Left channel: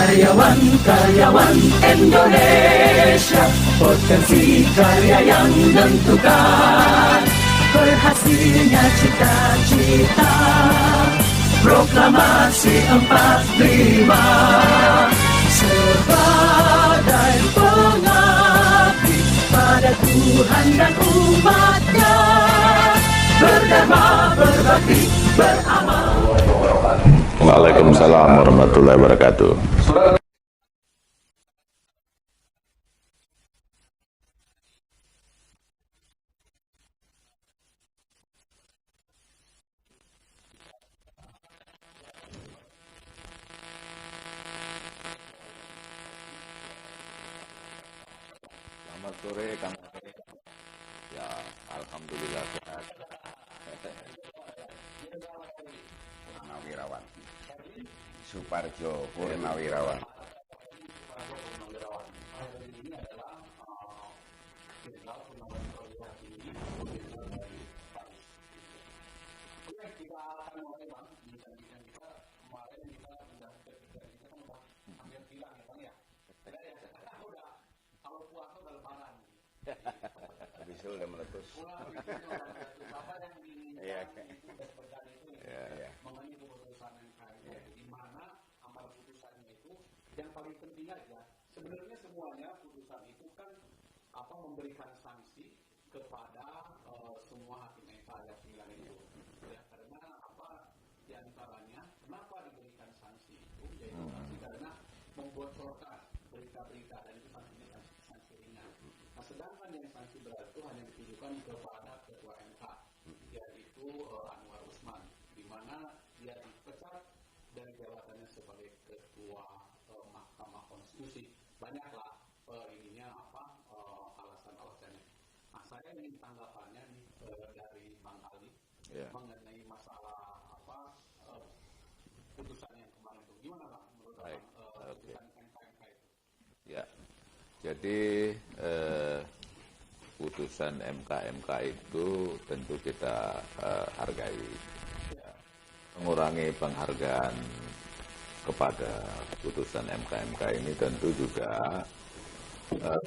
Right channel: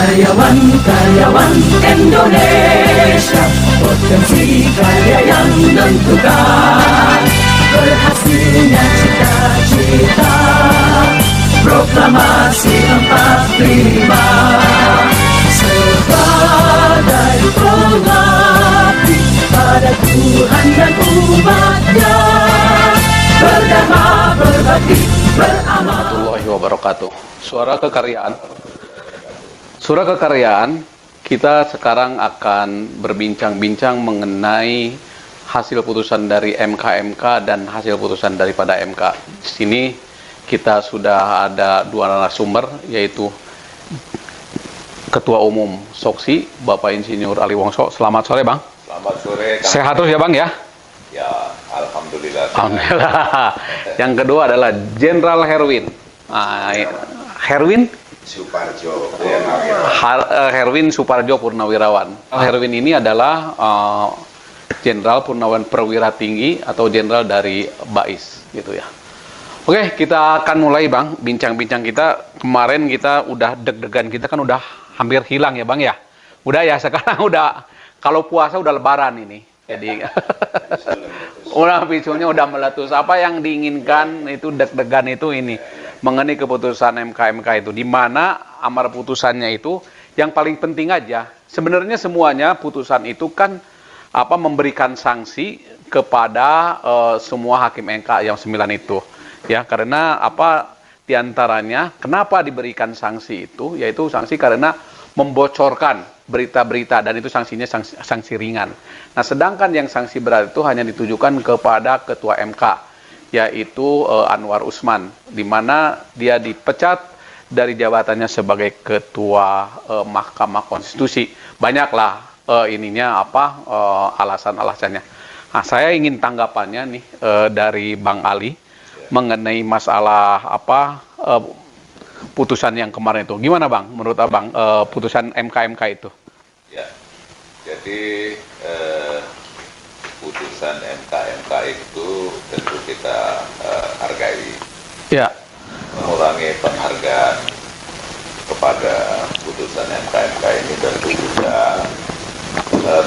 Karyawan Indonesia, potensi karya yang menentukan, berhasilnya cita-cita, proklamasi 45, sebagai pengabdi pada Tuhan dan umatnya, berdharma, berbakti, beramal. Waalaikumsalam warahmatullahi wabarakatuh. Surah Kekaryaan, kita sekarang akan berbincang-bincang mengenai hasil putusan dari MK dan hasil putusan daripada MK. Di sini kita sudah ada dua narasumber, yaitu Ketua Umum Soksi, Bapak Insinyur Ali Wongso. Selamat sore, Bang. Selamat sore. Sehat terus ya, Bang ya? Ya, alhamdulillah. Alhamdulillah. Yang kedua adalah Jenderal Herwin. Herwin Suparjo. Herwin Suparjo Purnawirawan. Herwin ini adalah Jenderal Purnawan Perwira Tinggi atau Jenderal dari BAIS, gitu ya. Oke, kita akan mulai, Bang, bincang-bincang kita. Kemarin kita udah deg-degan, kita kan udah hampir hilang ya, Bang ya. Udah ya, sekarang udah, kalau puasa udah lebaran ini. Jadi udah picunya udah meletus. Apa yang diinginkan itu deg-degan itu ini mengenai keputusan MK itu, di mana amar putusannya itu yang paling penting aja. Sebenarnya semuanya putusan itu kan memberikan sanksi kepada semua hakim MK yang 9 itu. Ya, karena diantaranya kenapa diberikan sanksi itu, yaitu sanksi karena membocorkan berita-berita, dan itu sanksinya sanksi ringan. Nah, sedangkan yang sanksi berat itu hanya ditujukan kepada Ketua MK, yaitu Anwar Usman, di mana dia dipecat dari jabatannya sebagai Ketua Mahkamah Konstitusi. Banyaklah alasan-alasannya. Nah, saya ingin tanggapannya nih dari Bang Ali mengenai masalah putusan yang kemarin itu. Gimana, Bang, menurut Abang putusan MK itu? Ya, jadi putusan MK itu tentu kita hargai. Ya. Mengurangi penghargaan kepada putusan MK ini tentu juga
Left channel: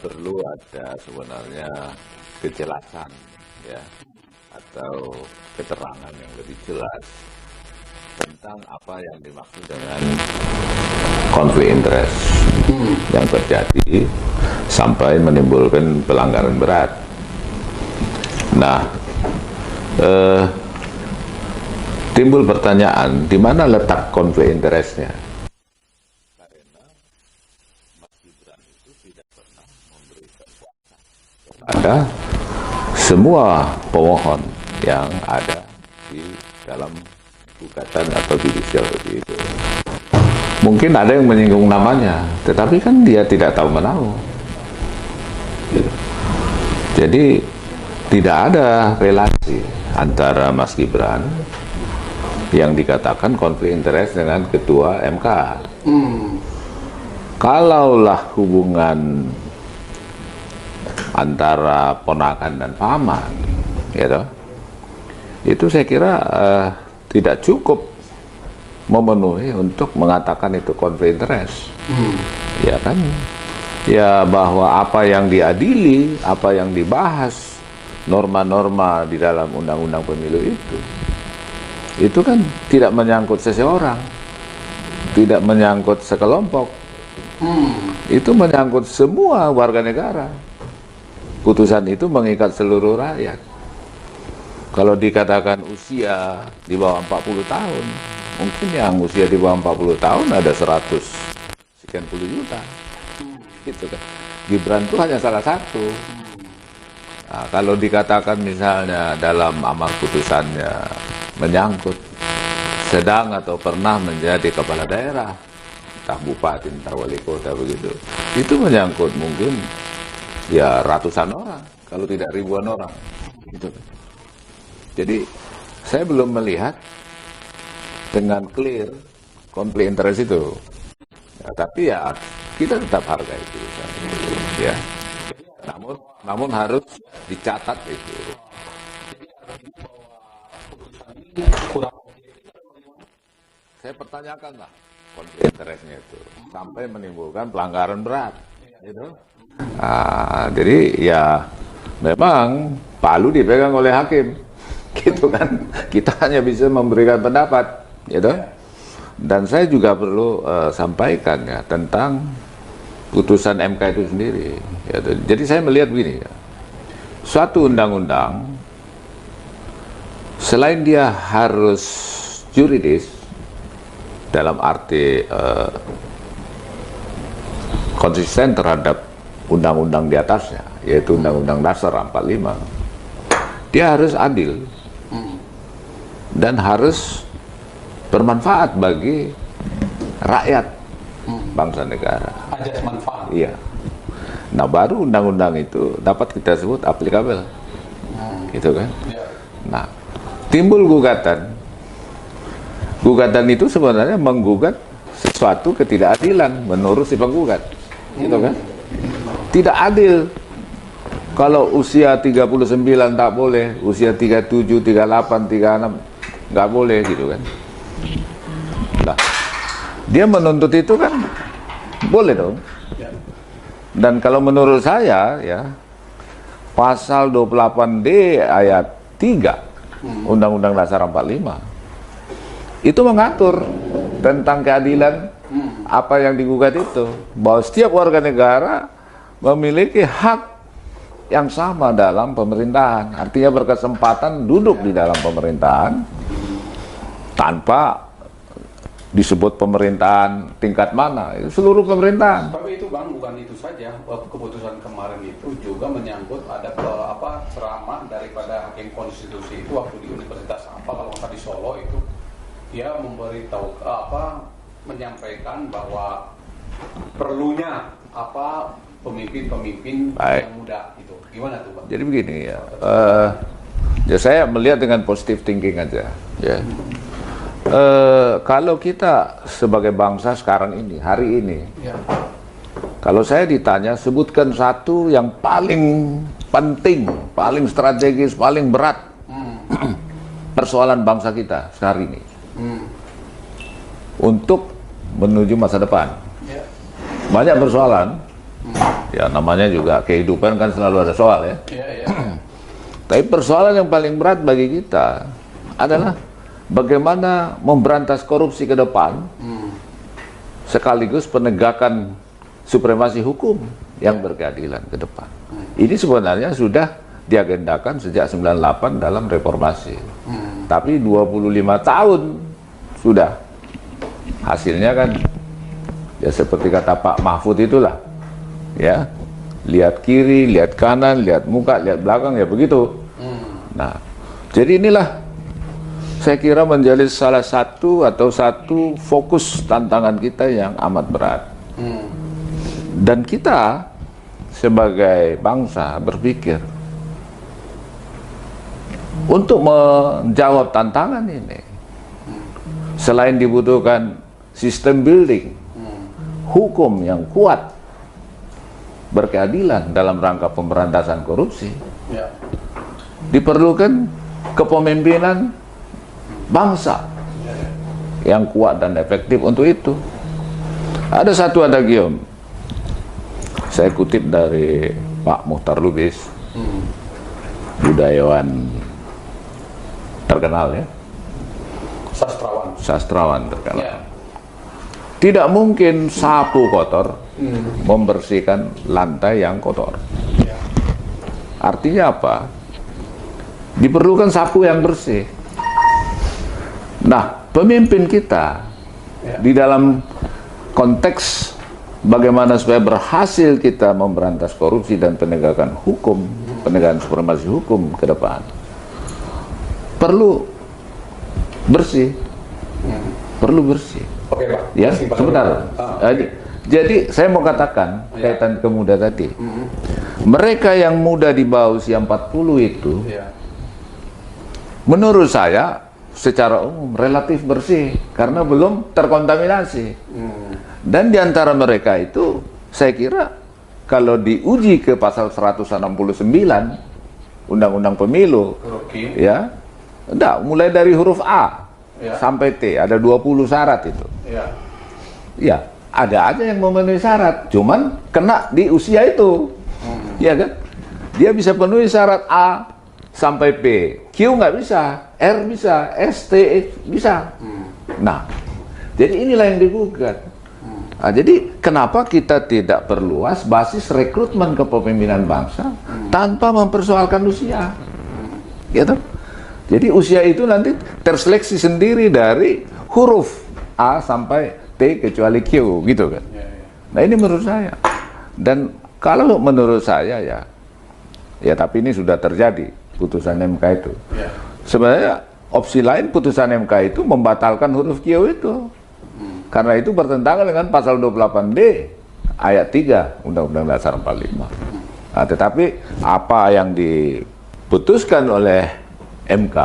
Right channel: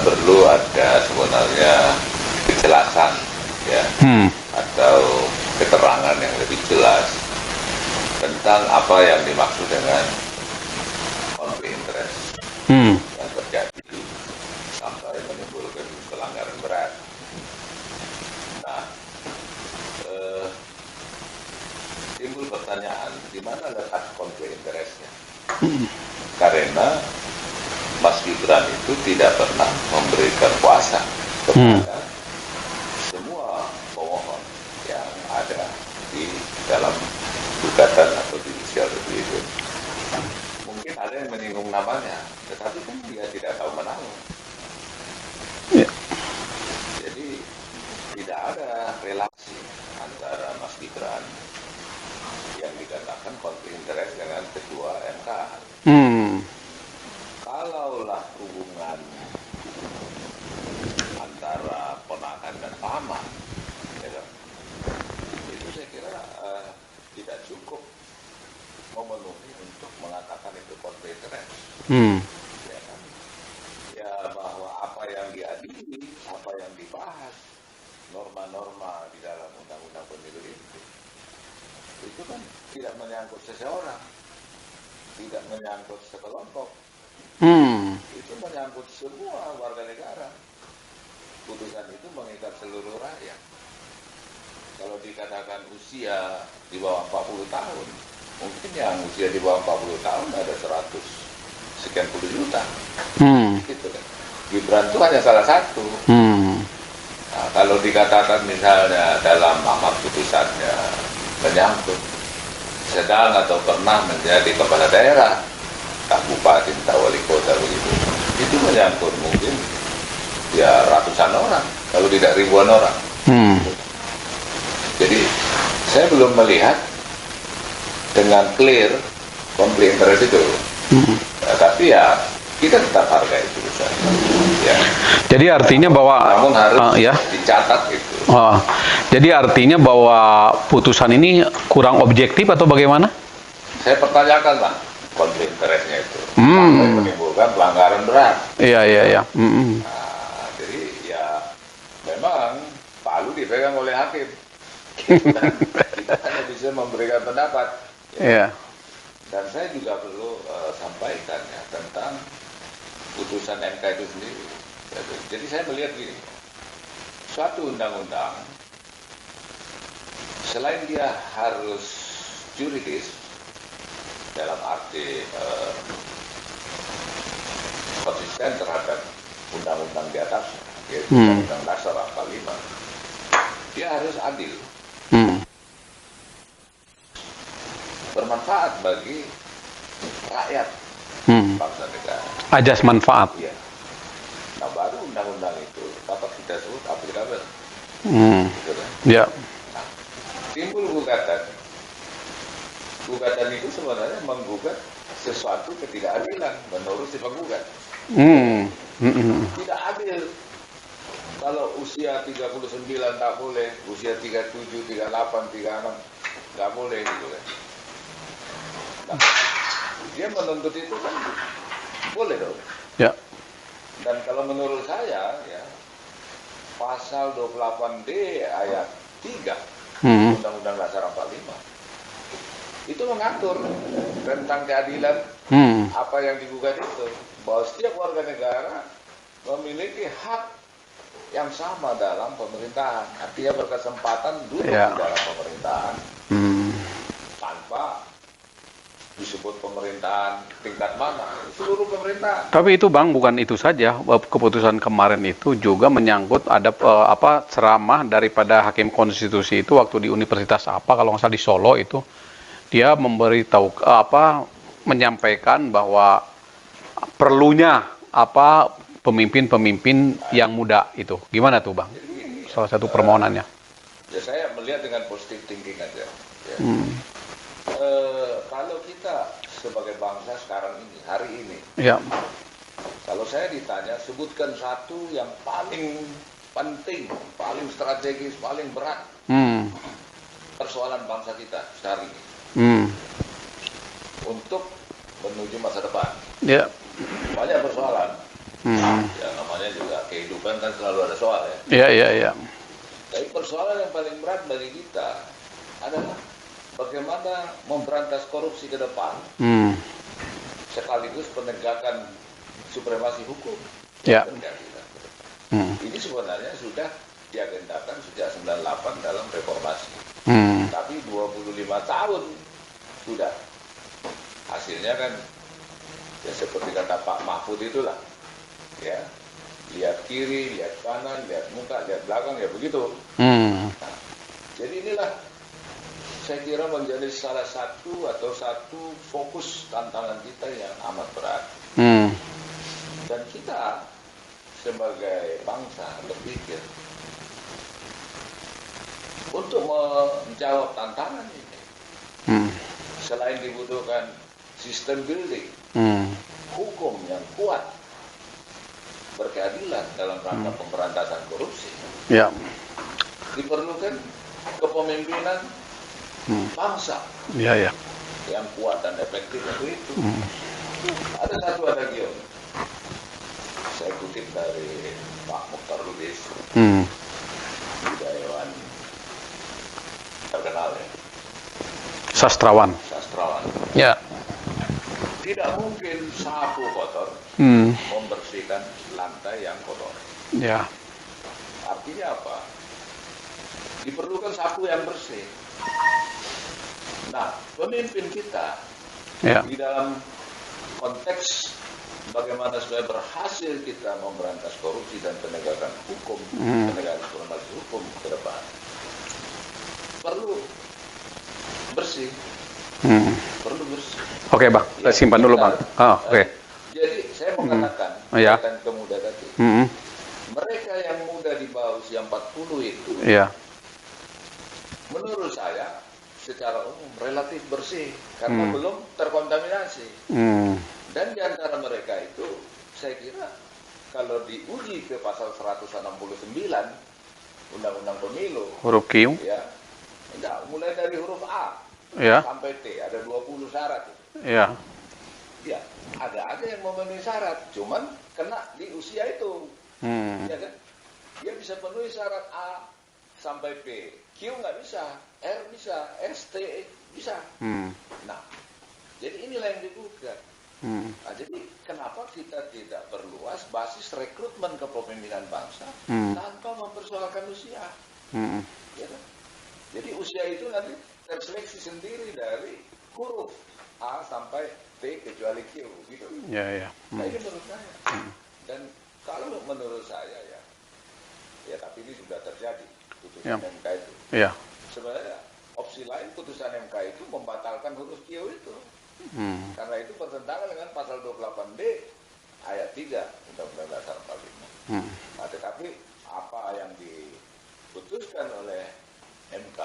perlu ada sebenarnya kejelasan, ya, atau keterangan yang lebih jelas tentang apa yang dimaksud dengan Konflik interest yang terjadi sampai menimbulkan pelanggaran berat. Nah, timbul pertanyaan, di mana letak konflik interestnya? Karena Mas Gibran itu tidak pernah memberikan kuasa kepada semua pemohon yang ada di dalam gugatan atau judicial review itu. Mungkin ada yang menyinggung namanya, tetapi kan dia tidak tahu menahu. Ya. Jadi tidak ada relasi antara Mas Gibran yang dikatakan konflik interest dengan Ketua MK. Kalaulah hubungan antara ponakan dan paman, gitu, itu saya kira tidak cukup memenuhi untuk mengatakan itu konflik interest. Ya kan? Ya, bahwa apa yang diadili, apa yang dibahas, norma-norma di dalam undang-undang pemilu itu kan tidak menyangkut seseorang, tidak menyangkut sekelompok, itu menyangkut semua warga negara. Putusan itu mengikat seluruh rakyat. Kalau dikatakan usia di bawah 40 tahun, mungkin yang usia di bawah 40 tahun ada 100 sekian puluh juta. Gitu kan. Gibran itu hanya salah satu. Nah, kalau dikatakan misalnya dalam amar putusannya menyangkut sedang atau pernah menjadi kepala daerah, tak bupati, tak wali kota begitu, itu menyangkut mungkin ya ratusan orang, kalau tidak ribuan orang. Jadi saya belum melihat dengan clear konflik interest itu. Tapi ya kita tetap hargai putusan. Ya. Jadi artinya bahwa namun harus ya dicatat itu. Jadi artinya bahwa putusan ini kurang objektif atau bagaimana? Saya pertanyakan, Pak, konflik interestnya itu. sampai menimbulkan pelanggaran berat. Iya. Nah, jadi ya memang palu dipegang oleh hakim, gitu kan. Kita hanya bisa memberikan pendapat, gitu. Iya. Dan saya juga perlu sampaikan ya tentang putusan MK itu sendiri. Ya, jadi saya melihat begini ya, suatu undang-undang selain dia harus juridis dalam arti konsisten terhadap undang-undang di atasnya, yaitu Undang-Undang Dasar 45, dia harus adil dan harus bermanfaat bagi rakyat bangsa negara. Ajas manfaat. Iya. Nah, baru undang-undang itu dapat kita sebut aplikabel, gitu kan? Ya. Nah, timbul gugatan. Gugatan itu sebenarnya menggugat sesuatu ketidakadilan menurut si penggugat. Gitu kan? Tidak adil kalau usia 39 tak boleh, usia 37, 38, 36 nggak boleh, gitu kan? Nah, dia menuntut itu kan boleh dong. Ya. Dan kalau menurut saya ya, pasal 28D ayat 3 Undang-Undang Dasar 45 itu mengatur tentang keadilan apa yang digugat itu, bahwa setiap warga negara memiliki hak yang sama dalam pemerintahan, artinya berkesempatan duduk di dalam pemerintahan tanpa disebut pemerintahan tingkat mana, seluruh pemerintahan. Tapi itu Bang, bukan itu saja. Keputusan kemarin itu juga menyangkut ada ceramah daripada hakim konstitusi itu waktu di universitas kalau nggak salah di Solo itu, dia memberitahu menyampaikan bahwa perlunya pemimpin-pemimpin yang muda itu. Gimana tuh Bang? Jadi begini ya. Salah satu permohonannya. Ya saya melihat dengan positive thinking aja. Ya. Kalau kita sebagai bangsa sekarang ini, hari ini, Ya. kalau saya ditanya, sebutkan satu yang paling penting, paling strategis, paling berat persoalan bangsa kita sehari ini untuk menuju masa depan. Ya. Banyak persoalan, ya namanya juga kehidupan kan selalu ada soal ya. Iya. Tapi persoalan yang paling berat bagi kita adalah bagaimana memberantas korupsi ke depan, sekaligus penegakan supremasi hukum yang berkeadilan ke depan. Ini sebenarnya sudah diagendakan sejak 98 dalam reformasi. Tapi 25 tahun sudah. Hasilnya kan ya seperti kata Pak Mahfud itulah. Ya. Lihat kiri, lihat kanan, lihat muka, lihat belakang, ya begitu. Nah, jadi inilah saya kira menjadi salah satu fokus tantangan kita yang amat berat. Dan kita sebagai bangsa berpikir untuk menjawab tantangan ini, selain dibutuhkan sistem building, hukum yang kuat, berkeadilan dalam rangka pemberantasan korupsi, diperlukan kepemimpinan bangsa yang kuat dan efektif untuk itu. Ada satu adagium, saya kutip dari Pak Muhtar Lubis, budayawan terkenal ya, sastrawan terkenal. Ya. Tidak mungkin sapu kotor membersihkan lantai yang kotor. Ya. Artinya apa? Diperlukan sapu yang bersih. Nah, pemimpin kita di dalam konteks bagaimana supaya berhasil kita memberantas korupsi dan penegakan hukum, penegakan supremasi hukum ke depan, perlu bersih. Perlu bersih. Oke, Bang. Ya, Simpan dulu, Bang. Jadi saya mau katakan kaitan ke muda tadi. Mereka yang muda di bawah usia 40 itu, menurut saya secara umum relatif bersih karena belum terkontaminasi. Dan di antara mereka itu saya kira kalau diuji ke pasal 169 Undang-Undang Pemilu, huruf Q, mulai dari huruf A sampai T, ada 20 syarat itu. Ya, ada aja yang memenuhi syarat, cuman kena di usia itu, ya kan? Dia bisa penuhi syarat A sampai P, Q nggak bisa, R bisa, S, T, E bisa. Nah, jadi inilah yang digugat. Nah, jadi kenapa kita tidak perluas basis rekrutmen kepemimpinan bangsa tanpa mempersoalkan usia, gitu? Jadi usia itu nanti terseleksi sendiri dari huruf A sampai T kecuali Q, gitu kan? Nah ini menurut saya. Dan kalau menurut saya ya tapi ini sudah terjadi putusan MK itu. Sebenarnya opsi lain putusan MK itu membatalkan huruf Q itu. Karena itu bertentangan dengan pasal 28D ayat 3 Undang-Undang Dasar 45. Nah, tetapi apa yang diputuskan oleh MK,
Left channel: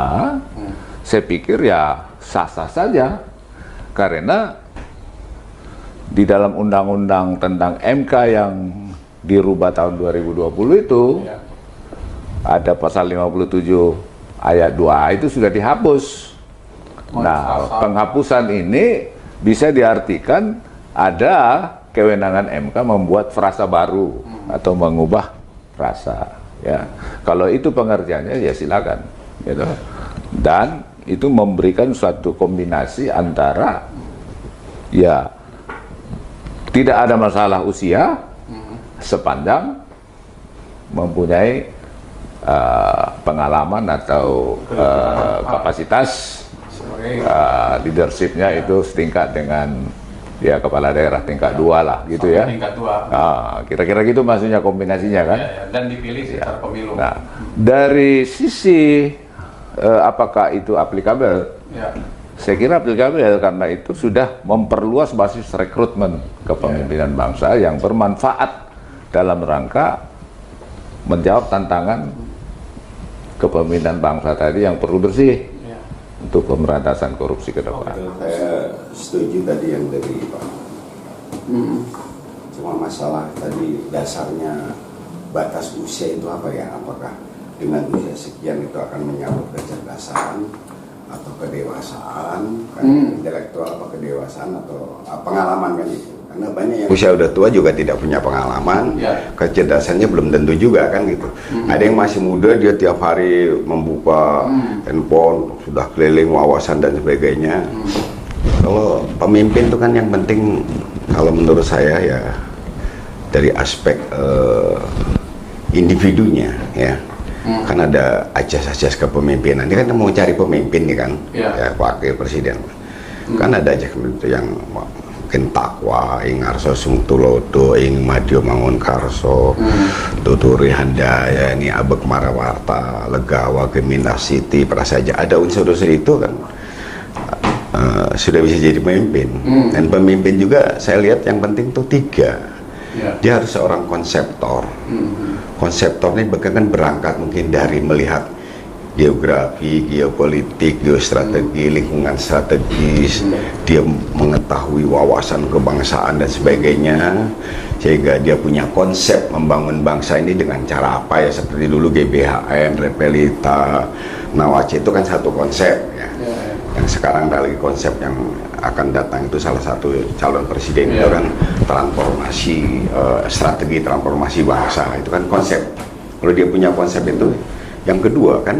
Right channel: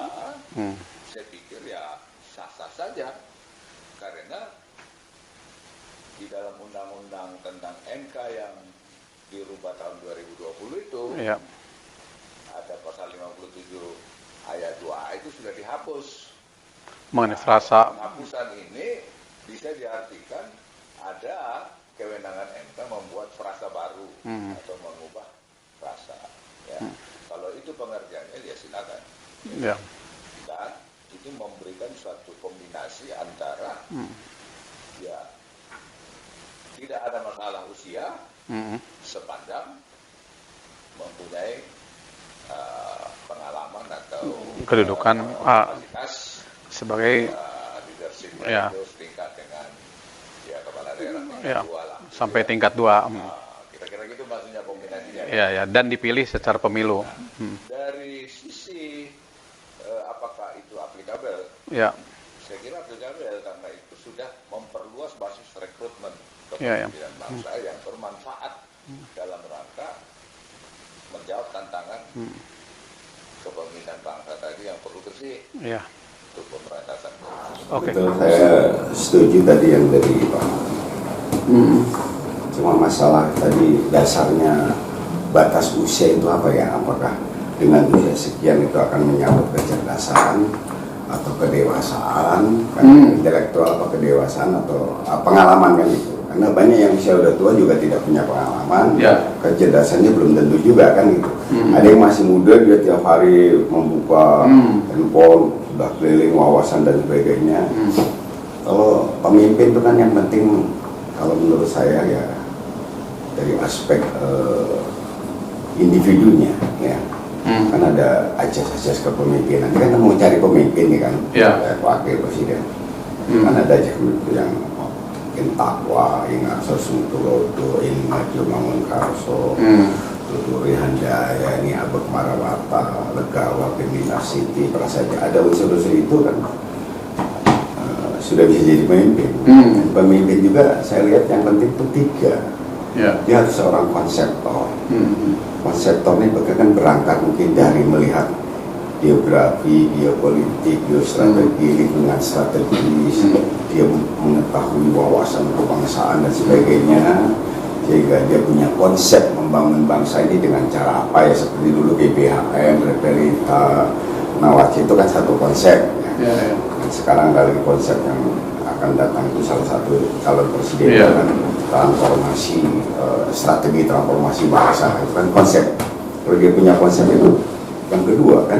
saya pikir ya sah-sah saja. Karena di dalam undang-undang tentang MK yang dirubah tahun 2020 itu ada pasal 57 ayat 2A itu sudah dihapus. Nah, penghapusan ini bisa diartikan ada kewenangan MK membuat frasa baru atau mengubah frasa. Ya, kalau itu pengertiannya ya silakan. Gitu. Dan itu memberikan suatu kombinasi antara ya tidak ada masalah usia sepanjang mempunyai pengalaman atau kapasitas sebagai leadershipnya itu setingkat dengan ya kepala daerah tingkat 2 lah gitu sampai ya. Tingkat 2. Kira-kira gitu maksudnya kombinasinya kan. Dan dipilih secara pemilu. Nah, dari sisi apakah itu aplikabel? Saya kira aplikabel karena itu sudah memperluas basis rekrutmen kepemimpinan bangsa yang bermanfaat dalam rangka menjawab tantangan kepemimpinan bangsa tadi yang perlu bersih untuk pemberantasan korupsi ke depan. Saya setuju tadi yang dari Pak. Cuma masalah tadi dasarnya batas usia itu apa ya? Apakah dengan usia sekian itu akan menyangkut kecerdasan atau kedewasaan, kan intelektual atau kedewasaan atau pengalaman kan itu? Karena banyak yang usia udah tua juga tidak punya pengalaman, kecerdasannya belum tentu juga kan gitu. Ada yang masih muda dia tiap hari membuka handphone, sudah keliling wawasan dan sebagainya. Kalau pemimpin itu kan yang penting kalau menurut saya ya dari aspek individunya ya. Kan ada ajas-ajas kepemimpinan. Dia kan mau cari pemimpin nih kan, kayak wakil presiden. Kan ada aja itu yang kentakwa, ingarso sungtulodo, ing madyo mangun karso, tuturi handaya, ini abek marawata, legawa, geminar siti, prasaja. Ada unsur-unsur itu kan sudah bisa jadi pemimpin. Dan pemimpin juga saya lihat yang penting itu 3. Dia harus seorang konseptor. Konseptor ini bahkan berangkat mungkin dari melihat geografi, geopolitik, geostrategi, lingkungan strategis, dia mengetahui wawasan kebangsaan dan sebagainya, sehingga dia punya konsep membangun bangsa ini dengan cara apa ya, seperti dulu GBHM, Repelita, Nawacita itu kan satu konsep ya. Dan sekarang kali konsep yang akan datang itu salah satu calon presiden itu kan transformasi, strategi transformasi bangsa, itu kan konsep. Kalau dia punya konsep itu, yang kedua kan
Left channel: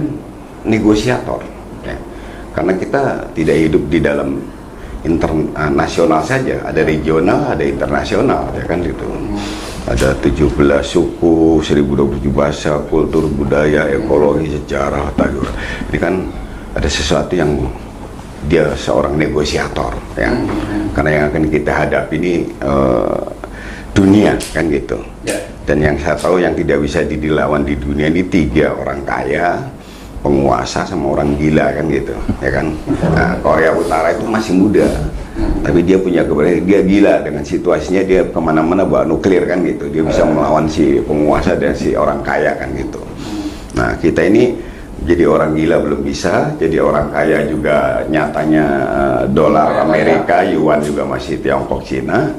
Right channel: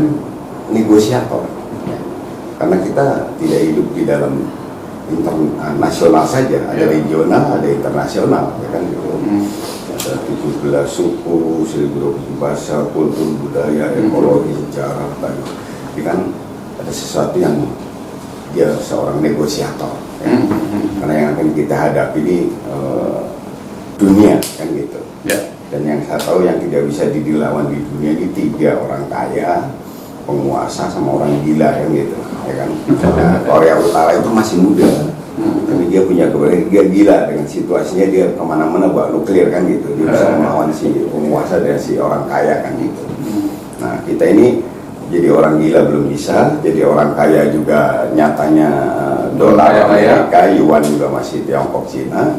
negosiator ya. Karena kita tidak hidup di dalam internasional saja, ada regional, ada internasional ya kan itu. Ada 17 suku, 1027 bahasa, kultur, budaya, ekologi, sejarah, tajuk. Ini kan ada sesuatu yang dia seorang negosiator ya. Karena yang akan kita hadapi ini dunia kan gitu. Dan yang saya tahu yang tidak bisa dilawan di dunia ini 3 orang kaya, penguasa sama orang gila kan gitu ya kan. Nah, Korea Utara itu masih muda tapi dia punya keberanian, dia gila dengan situasinya, dia kemana-mana bawa nuklir kan gitu, dia bisa melawan si penguasa dan si orang kaya kan gitu. Nah kita ini jadi orang gila belum bisa, jadi orang kaya juga nyatanya dolar Amerika, yuan juga masih Tiongkok, Cina.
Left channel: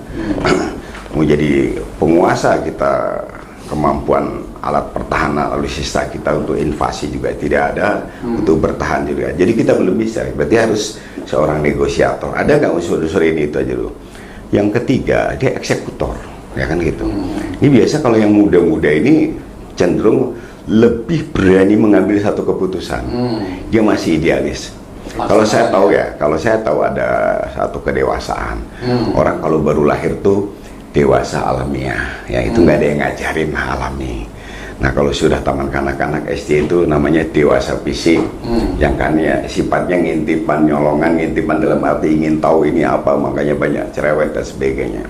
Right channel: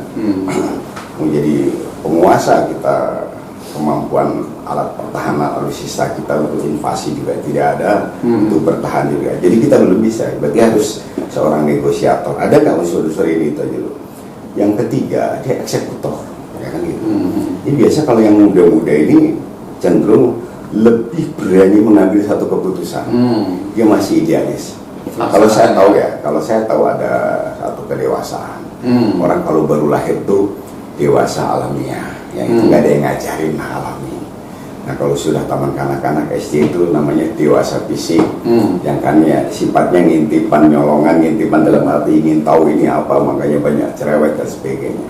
Mau jadi penguasa kita, kemampuan alat pertahanan alutsista kita untuk invasi juga tidak ada, untuk bertahan juga. Jadi kita belum bisa, berarti harus seorang negosiator. Ada nggak unsur-unsur ini itu aja dulu. yang ketiga dia eksekutor, ya kan gitu. Ini biasa kalau yang muda-muda ini cenderung lebih berani mengambil satu keputusan. Dia masih idealis. Kalau saya tahu ada satu kedewasaan. Orang kalau baru lahir tuh dewasa alamiah, yang itu nggak ada yang ngajarin alami. Nah kalau sudah taman kanak-kanak SD itu namanya dewasa fisik, yang kan ya sifatnya ngintipan, nyolongan, ngintipan dalam arti ingin tahu ini apa, makanya banyak cerewet dan sebagainya.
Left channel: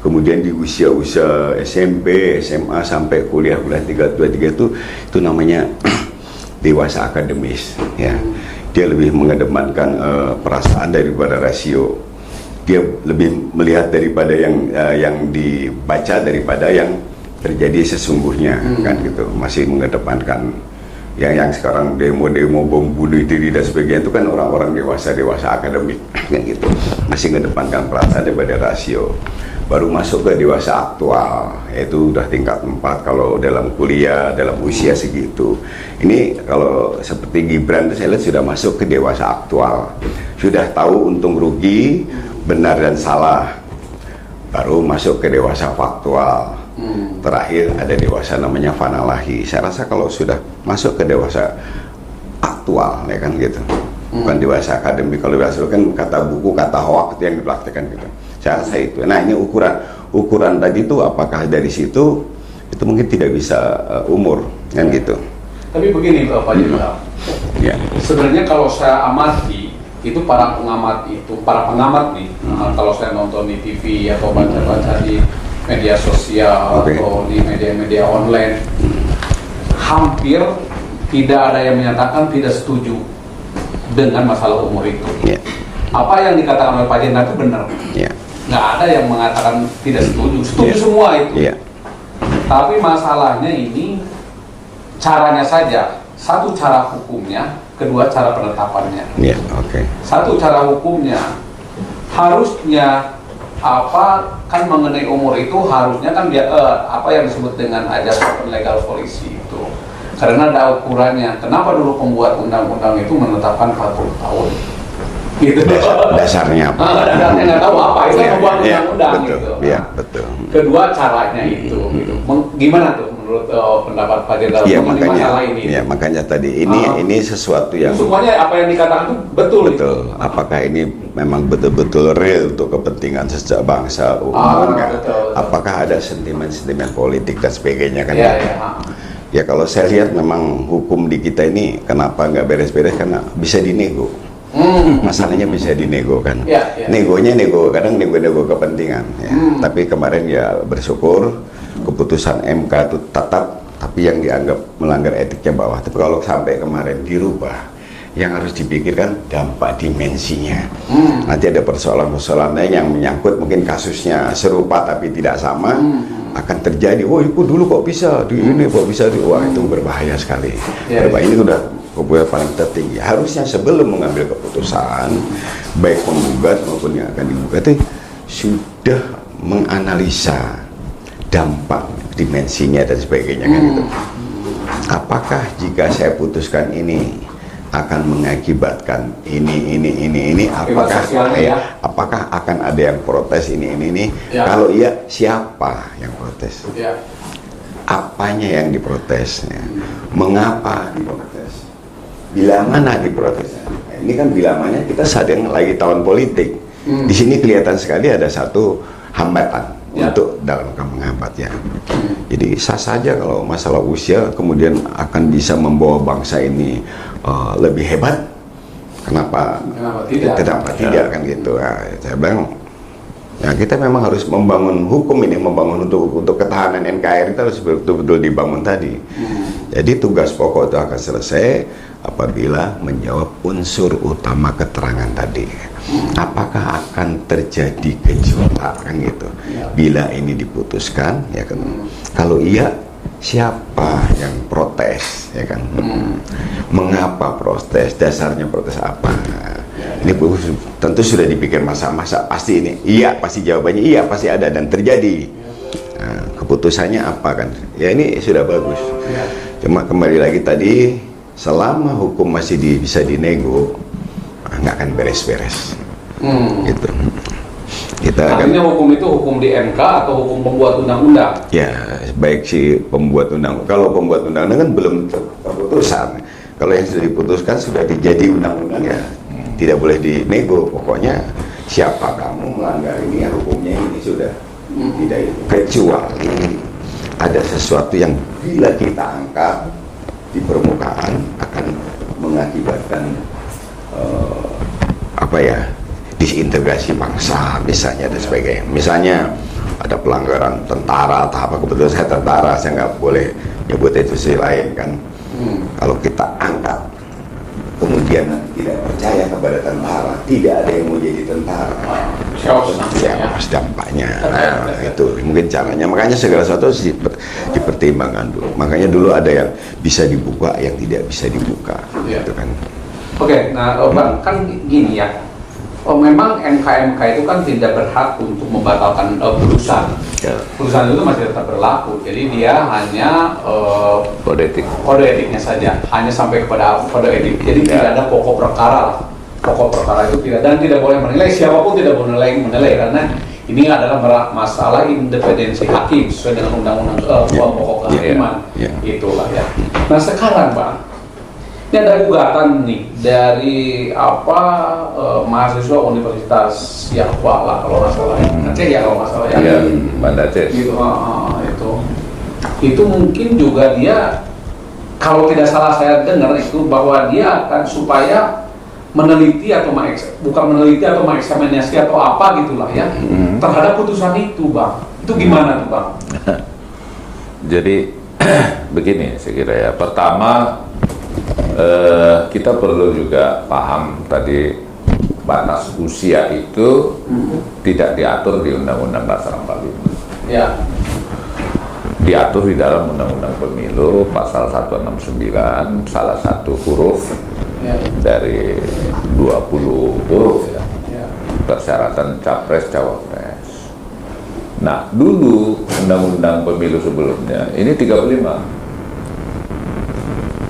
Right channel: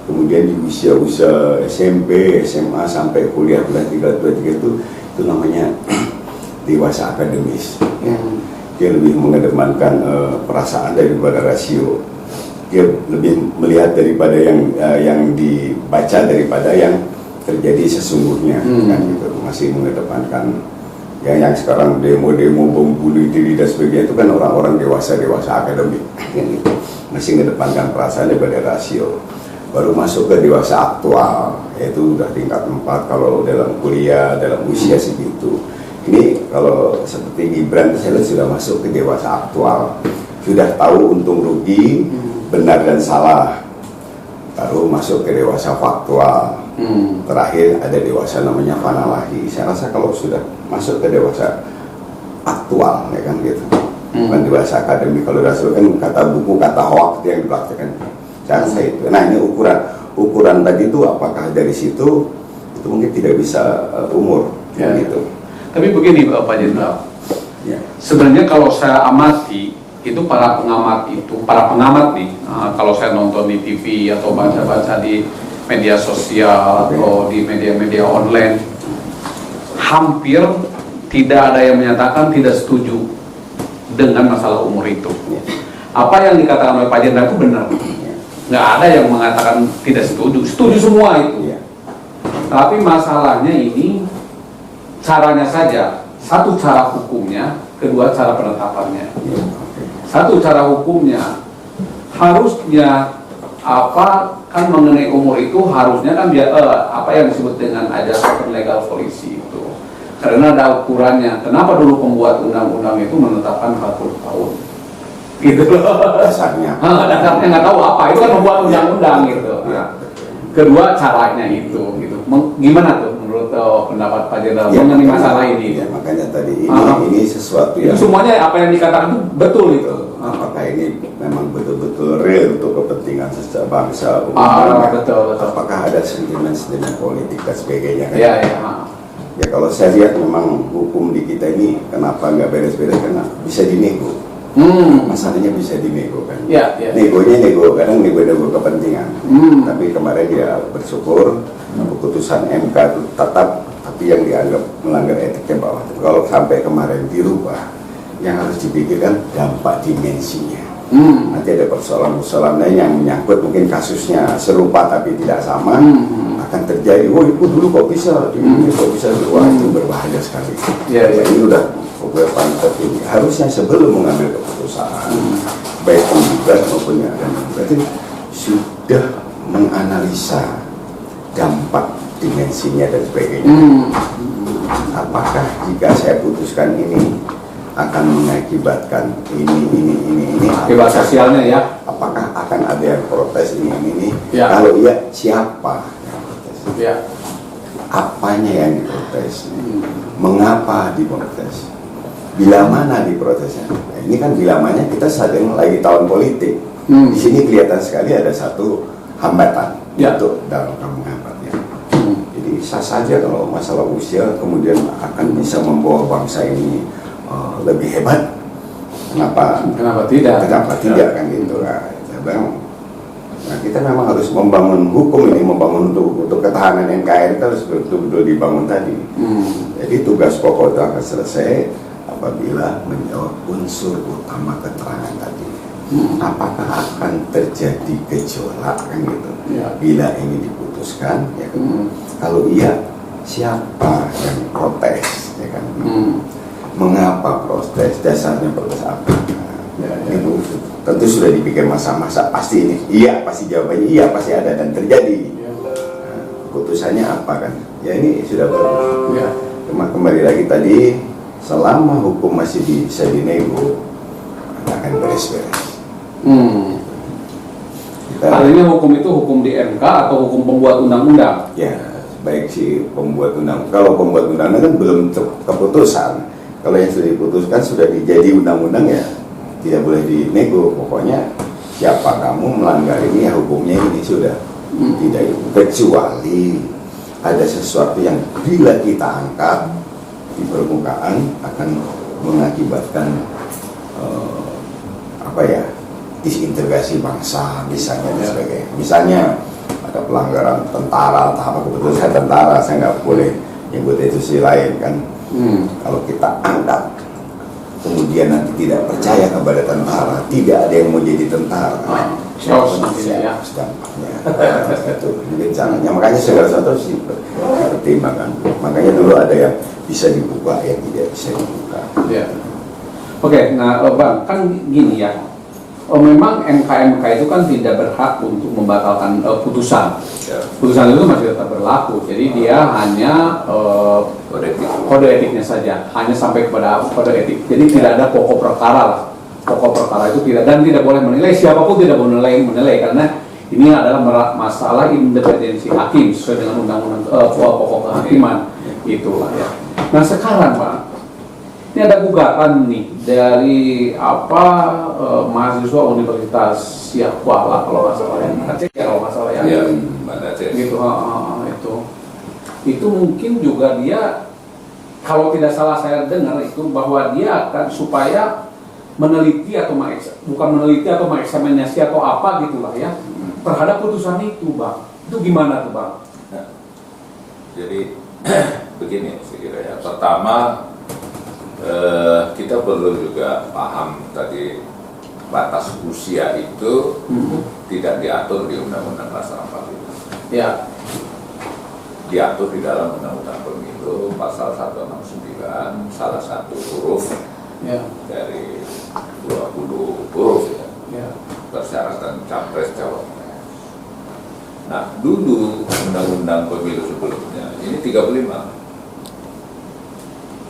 Kemudian di usia-usia SMP, SMA sampai kuliah kelas 3, 2, 3 itu namanya dewasa akademis. Ya. Dia lebih mengedepankan perasaan daripada rasio. Dia lebih melihat daripada yang dibaca daripada yang terjadi sesungguhnya, kan gitu. Masih mengedepankan yang sekarang demo-demo bom bunuh diri dan sebagainya itu kan orang-orang dewasa akademik, kan gitu. Masih mengedepankan perasaan daripada rasio. Baru masuk ke dewasa aktual, yaitu udah tingkat 4 kalau dalam kuliah, dalam usia segitu. Ini kalau seperti Gibran, saya lihat sudah masuk ke dewasa aktual, sudah tahu untung rugi, benar dan salah. Baru masuk ke dewasa faktual. Terakhir ada dewasa namanya fanalahi. Saya rasa kalau sudah masuk ke dewasa aktual, ya kan gitu, bukan dewasa akademik. Kalau dewasa kan kata buku, kata hoax yang dipraktekkan gitu. Saya rasa itu. Nah ini ukuran tadi itu apakah dari situ itu mungkin tidak bisa umur, kan gitu. Tapi begini Bapak Jenderal, Ya. sebenarnya kalau saya amati itu para pengamat nih, kalau saya nonton di TV atau baca-baca di media sosial atau di media-media online, hampir tidak ada yang menyatakan tidak setuju dengan masalah umur itu. Apa yang dikatakan oleh Pak Jenderal itu benar. Nggak ada yang mengatakan tidak setuju semua itu. Tapi masalahnya ini caranya saja. Satu cara hukumnya, kedua cara penetapannya. Satu cara hukumnya harusnya kan mengenai umur itu harusnya kan dia apa yang disebut dengan ajas open legal policy itu. Karena ada ukurannya. Kenapa dulu pembuat undang-undang itu menetapkan 40 tahun? Gitu. Dasarnya apa? Dasarnya nggak tahu apa, itu kan membuat undang-undang gitu. Betul. Kedua caranya itu gitu. Gimana tuh menurut pendapat Pak Jenderal mengenai masalah ini? Ya makanya tadi ini sesuatu yang semuanya apa yang dikatakan itu betul. Gitu. Apakah ini memang betul-betul real untuk kepentingan sejak bangsa betul. Apakah ada sentimen-sentimen politik dan sebagainya kan? Ya kalau saya lihat memang hukum di kita ini kenapa nggak beres-beres karena bisa dinego. Masalahnya bisa dinego kan. Negonya nego kadang nego kepentingan. Tapi kemarin ya bersyukur keputusan MK itu tetap, tapi yang dianggap melanggar etiknya bawah. Tapi kalau sampai kemarin dirubah, yang harus dipikirkan dampak dimensinya. Nanti ada persoalan-persoalannya yang menyangkut mungkin kasusnya serupa tapi tidak sama, akan terjadi. Oh itu dulu kok bisa, ini kok bisa dulu, itu berbahaya sekali. Ini udah kebutuhan tertinggi. Harusnya sebelum mengambil keputusan, baik omnibus maupun yang akan berarti sudah menganalisa dampak dimensinya dan sebagainya. Apakah jika saya putuskan ini akan mengakibatkan ini akibat sosialnya ya? Apakah akan ada yang protes ini? Kalau iya, siapa yang protes? Apanya yang diprotes? Mengapa diprotes? Bila mana diprotesnya? Ini kan bila mana kita sedang lagi tahun politik. Di sini kelihatan sekali ada satu hambatan untuk dalam menghambat ya. Jadi sah saja kalau masalah usia kemudian akan bisa membawa bangsa ini lebih hebat. Kenapa tidak? Kenapa tidak kan gitu? Nah, saya bilang, ya kita memang harus membangun hukum ini, membangun untuk ketahanan NKRI itu harus betul-betul dibangun tadi. Jadi tugas pokok itu akan selesai apabila menjawab unsur utama keterangan tadi. Apakah akan terjadi gejolak kan gitu? Bila ini diputuskan, ya kan? Kalau iya, siapa yang protes, ya kan? Mengapa protes? Dasarnya protes apa? Ini tentu sudah dipikir masa-masa pasti ini. Iya, pasti jawabannya iya, pasti ada dan terjadi. Nah, keputusannya apa kan? Ya ini sudah bagus. Cuma kembali lagi tadi, selama hukum masih bisa dinego, nggak akan beres-beres. Gitu. Kita Artinya hukum itu hukum di MK atau hukum pembuat undang-undang? ya baik si pembuat undang, kalau pembuat undang kan belum keputusan. Kalau yang sudah diputuskan sudah jadi undang-undang ya tidak boleh dinego. Pokoknya siapa kamu melanggar ini ya hukumnya ini sudah tidak, kecuali ada sesuatu yang bila kita angkat di permukaan akan mengakibatkan disintegrasi bangsa misalnya dan sebagainya. Misalnya ada pelanggaran tentara atau apa, betul saya tentara, saya nggak boleh nyebut institusi lain kan. Kalau kita angkat kemudian nanti tidak percaya kepada tentara, tidak ada yang mau jadi tentara, apa dampaknya. Itu mungkin caranya, makanya segala sesuatu dipertimbangkan dulu. Makanya dulu ada yang bisa dibuka, yang tidak bisa dibuka. Gitu kan. Oke, nah Bang, kan gini ya, memang MK itu kan tidak berhak untuk membatalkan putusan. Putusan itu masih tetap berlaku, jadi dia hanya kode etiknya saja, hanya sampai kepada kode etik. Jadi tidak ada pokok perkara lah. Pokok perkara itu tidak, dan tidak boleh menilai, siapapun tidak boleh menilai karena ini adalah masalah independensi hakim sesuai dengan undang-undang pokok kehakiman. Itulah ya. Nah sekarang Pak, ini ada gugatan nih dari mahasiswa Universitas Yahwa lah kalau nggak salah ya. Aceh ya kalau nggak salah ya. Banda Aceh. Gitu, itu mungkin juga dia, kalau tidak salah saya dengar itu bahwa dia akan supaya meneliti atau bukan meneliti atau mengeksaminasi atau apa gitulah ya terhadap putusan itu Bang. Itu gimana tuh Bang? Jadi begini saya kira ya. Pertama kita perlu juga paham tadi batas usia itu tidak diatur di Undang-Undang Dasar 45. Ya. Diatur di dalam Undang-Undang Pemilu pasal 169 salah satu huruf dari 20 huruf ya. Persyaratan capres cawapres. Nah dulu Undang-Undang Pemilu sebelumnya ini 35.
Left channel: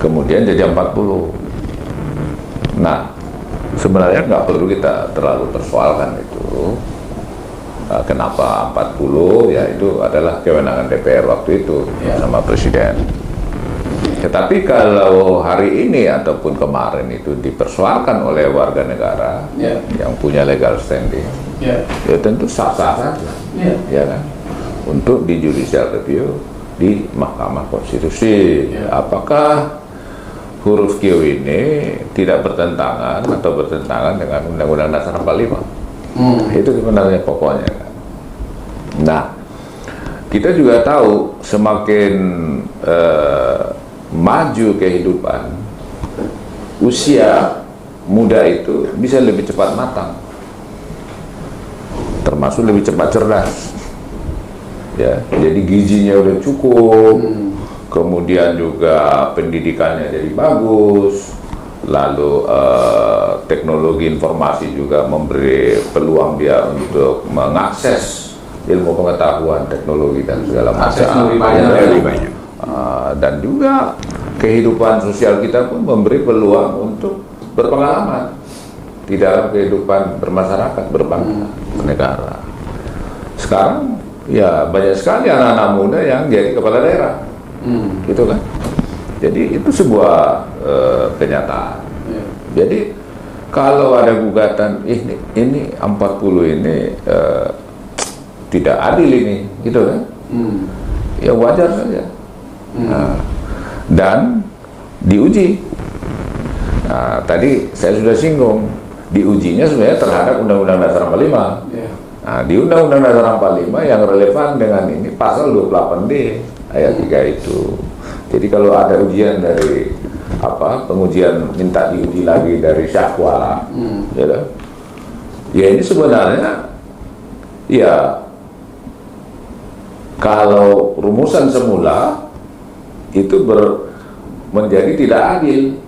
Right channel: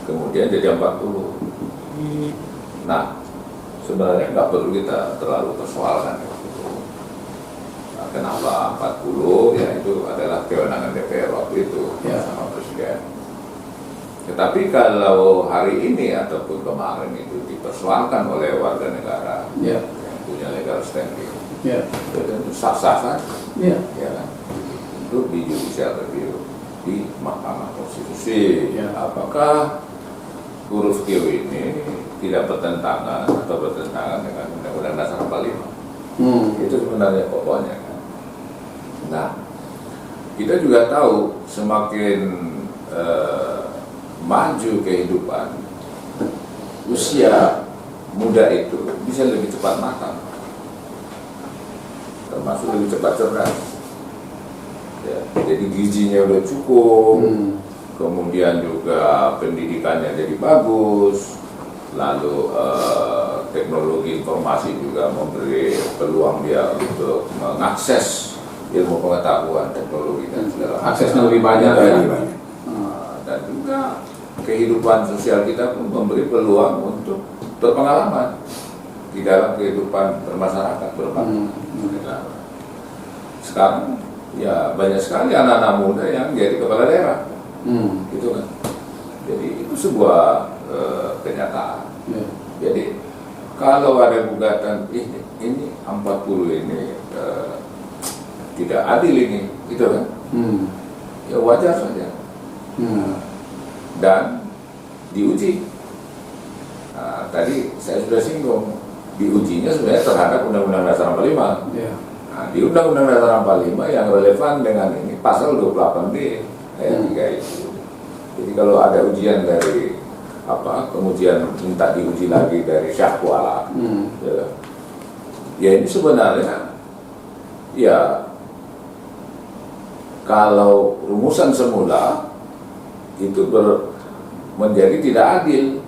Kemudian jadi 40. Nah, sebenarnya nggak perlu kita terlalu persoalkan itu. Kenapa 40? Ya itu adalah kewenangan DPR waktu itu sama Presiden. Tetapi kalau hari ini ataupun kemarin itu dipersoalkan oleh warga negara yang punya legal standing, ya tentu sah-sah saja, ya kan? Untuk di judicial review di Mahkamah Konstitusi. Apakah huruf Q ini tidak bertentangan atau bertentangan dengan Undang-Undang Dasar 45? Itu sebenarnya pokoknya. Nah, kita juga tahu semakin maju kehidupan, usia muda itu bisa lebih cepat matang, termasuk lebih cepat cerdas. Ya, jadi gizinya udah cukup. Kemudian juga pendidikannya jadi bagus, lalu teknologi informasi juga memberi peluang dia untuk mengakses ilmu pengetahuan teknologi dan segala macam. Lebih banyak. Dan juga kehidupan sosial kita pun memberi peluang untuk berpengalaman di dalam kehidupan bermasyarakat, bernegara. Sekarang ya banyak sekali anak-anak muda yang jadi kepala daerah. Gitu kan. Jadi itu sebuah kenyataan. Jadi kalau ada gugatan ini 40 ini tidak adil ini, gitu kan? Ya wajar saja. Dan diuji. Nah, tadi saya sudah singgung, diujinya sebenarnya terhadap Undang-Undang Dasar 45. Nah, di Undang-Undang Dasar 45 yang relevan dengan ini pasal 28D ayat 3 itu. Jadi kalau ada ujian dari pengujian minta diuji lagi dari syahwa, ya ini sebenarnya ya kalau rumusan semula itu menjadi tidak adil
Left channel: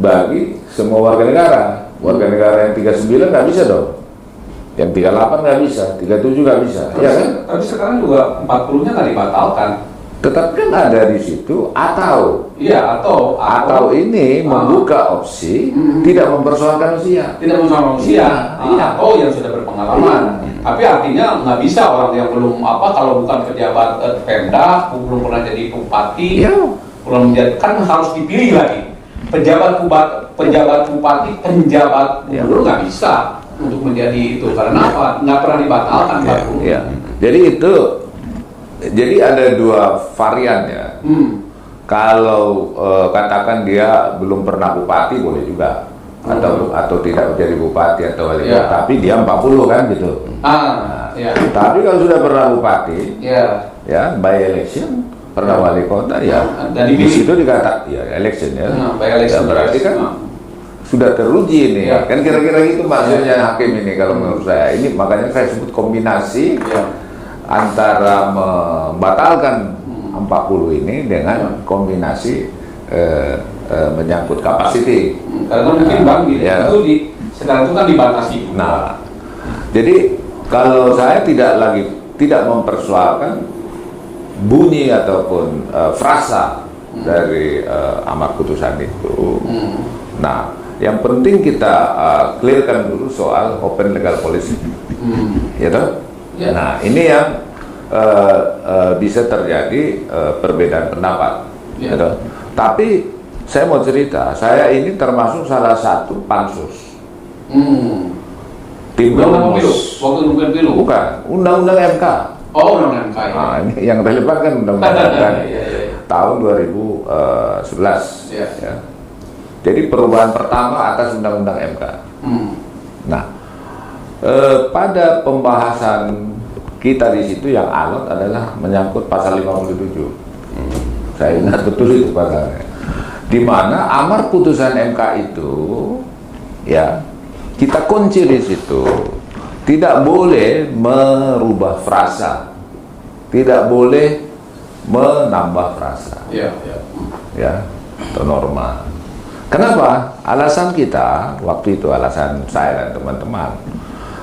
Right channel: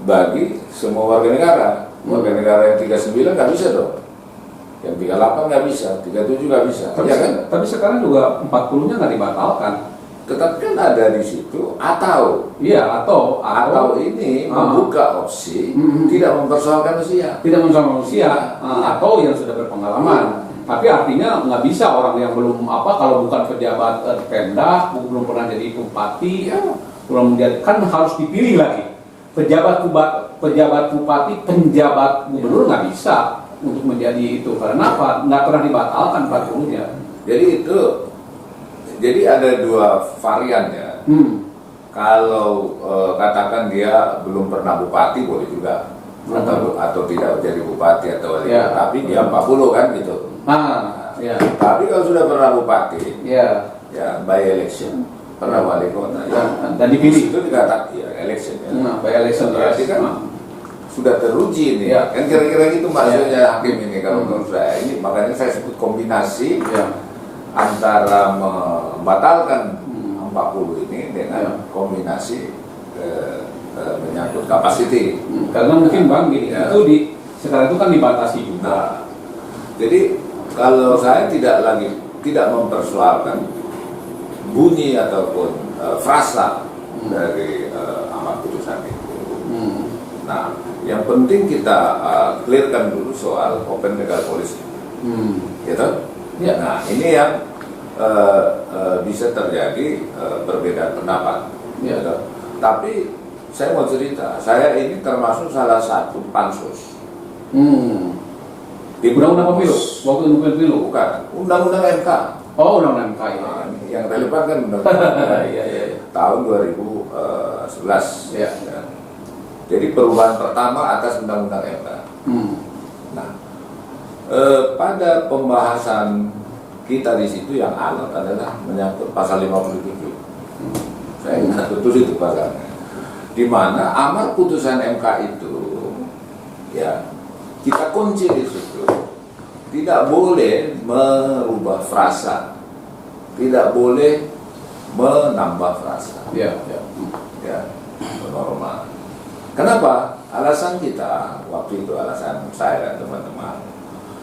bagi semua warga negara. Warga negara yang 39 nggak bisa dong. Yang 38 nggak bisa, 37 nggak bisa. Tapi sekarang juga 40-nya nggak dibatalkan. Tetapi kan ada di situ atau ini membuka opsi tidak mempersoalkan usia. Tidak mempersoalkan usia. Atau yang sudah berpengalaman. Tapi artinya nggak bisa orang yang belum kalau bukan pejabat Pemda, belum pernah jadi bupati, belum menjadi, kan harus dipilih lagi. Pejabat bupati, penjabat gubernur nggak bisa untuk menjadi itu, karena apa? Nggak pernah dibatalkan. Ya. Jadi ada dua varian ya. Kalau katakan dia belum pernah bupati boleh juga, atau tidak jadi bupati tapi dia 40 kan gitu. Tapi kalau sudah pernah bupati, ya by election pernah wali kota ya, dan di situ dikatakan ya election ya, by election berarti kan sudah teruji ini ya. Kan kira-kira itu maksudnya hakim ini kalau menurut saya. Ini makanya saya sebut kombinasi antara membatalkan 40 ini dengan kombinasi menyangkut kapasiti. Karena mungkin Bang itu sekarang itu kan dibatasi. Nah, jadi kalau saya tidak mempersoalkan bunyi ataupun frasa dari amar putusan itu. Nah, yang penting kita clearkan dulu soal open legal policy. Nah, ini yang bisa terjadi perbedaan pendapat. Tapi saya mau cerita, saya ini termasuk salah satu pansus. Tim rumus. Waktu bukan pilu. Bukan, undang-undang MK. Oh, undang-undang MK. Nah, ini yang relevan kan undang-undang MK tahun 2011. Ya. Jadi perubahan pertama atas undang-undang MK. Nah, pada pembahasan kita di situ yang alot adalah menyangkut pasal 57. Saya ingat betul itu pasalnya. Di mana amar putusan MK itu, ya kita kunci di situ, tidak boleh merubah frasa, tidak boleh menambah frasa, ya, atau norma. Kenapa? Alasan kita waktu itu, alasan saya dan teman-teman,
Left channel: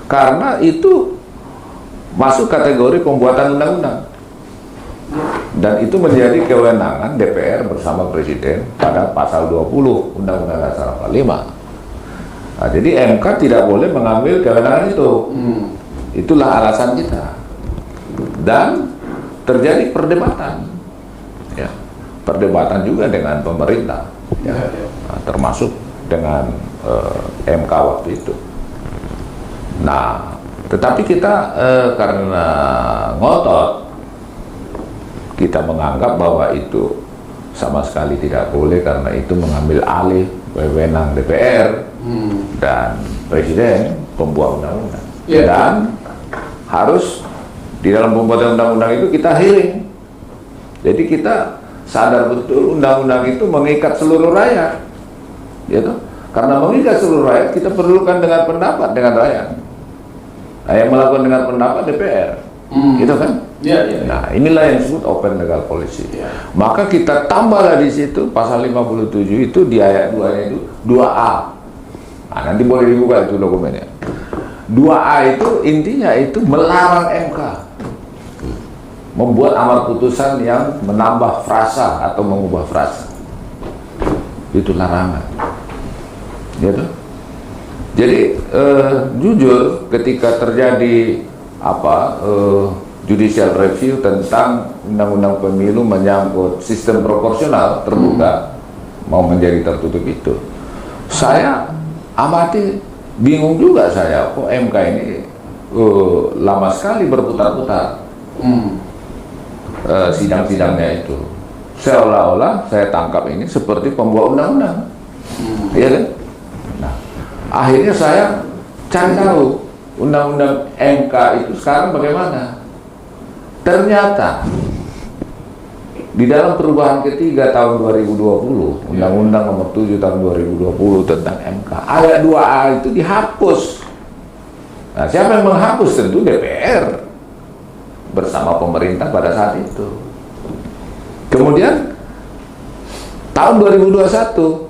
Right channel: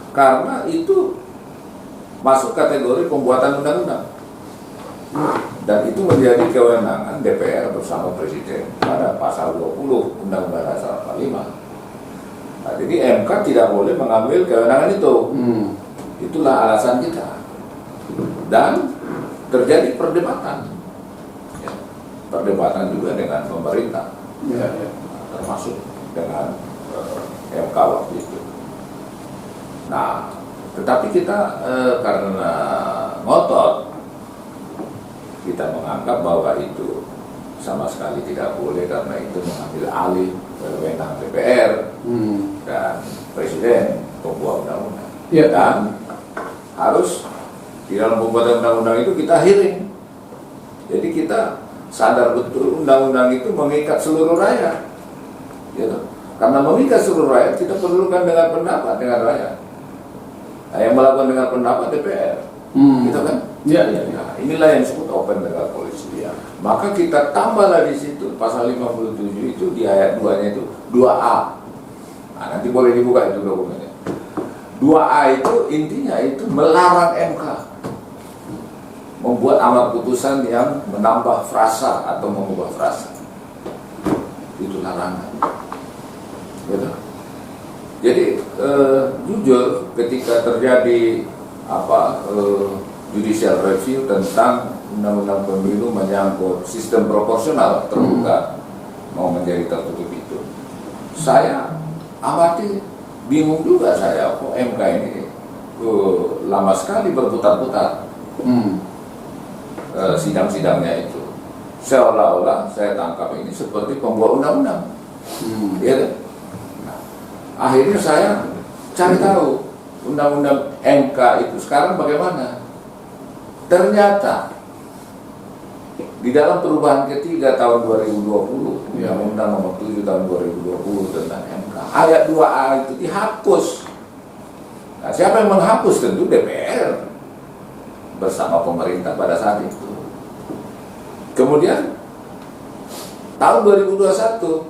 karena itu masuk kategori pembuatan undang-undang. Dan itu menjadi kewenangan DPR bersama Presiden pada pasal 20 Undang-Undang Dasar 45. Nah, jadi MK tidak boleh mengambil kewenangan itu. Itulah alasan kita. Dan terjadi perdebatan. Ya. Perdebatan juga dengan pemerintah. Nah, termasuk dengan MK waktu itu. Nah, tetapi kita karena ngotot, kita menganggap bahwa itu sama sekali tidak boleh karena itu mengambil alih wewenang DPR dan Presiden pembuat undang-undang. Dan harus di dalam pembuatan undang-undang itu kita hearing. Jadi kita sadar betul undang-undang itu mengikat seluruh rakyat. Karena mengikat seluruh rakyat, kita perlukan dengan pendapat dengan rakyat. Yang melakukan dengan pendapat DPR. Gitu kan? Nah, inilah yang disebut open legal policy. Maka kita tambah di situ pasal 57 itu di ayat 2 itu 2A. Nah, nanti boleh juga itu dokumennya. 2A itu intinya itu melarang MK membuat amar putusan yang menambah frasa atau mengubah frasa. Itu larangan. Jadi jujur ketika terjadi judicial review tentang undang-undang pemilu menyangkut sistem proporsional terbuka mau menjadi tertutup itu, saya amati bingung juga saya kok MK ini lama sekali berputar-putar sidang-sidangnya itu, seolah-olah saya tangkap ini seperti pembuat undang-undang. Nah, akhirnya saya cari tahu undang-undang MK itu sekarang bagaimana. Ternyata di dalam perubahan ketiga tahun 2020, Undang-Undang Nomor 7 tahun 2020 tentang MK, ayat 2A itu dihapus. Nah, siapa yang menghapus? Tentu DPR bersama pemerintah pada saat itu. Kemudian tahun 2021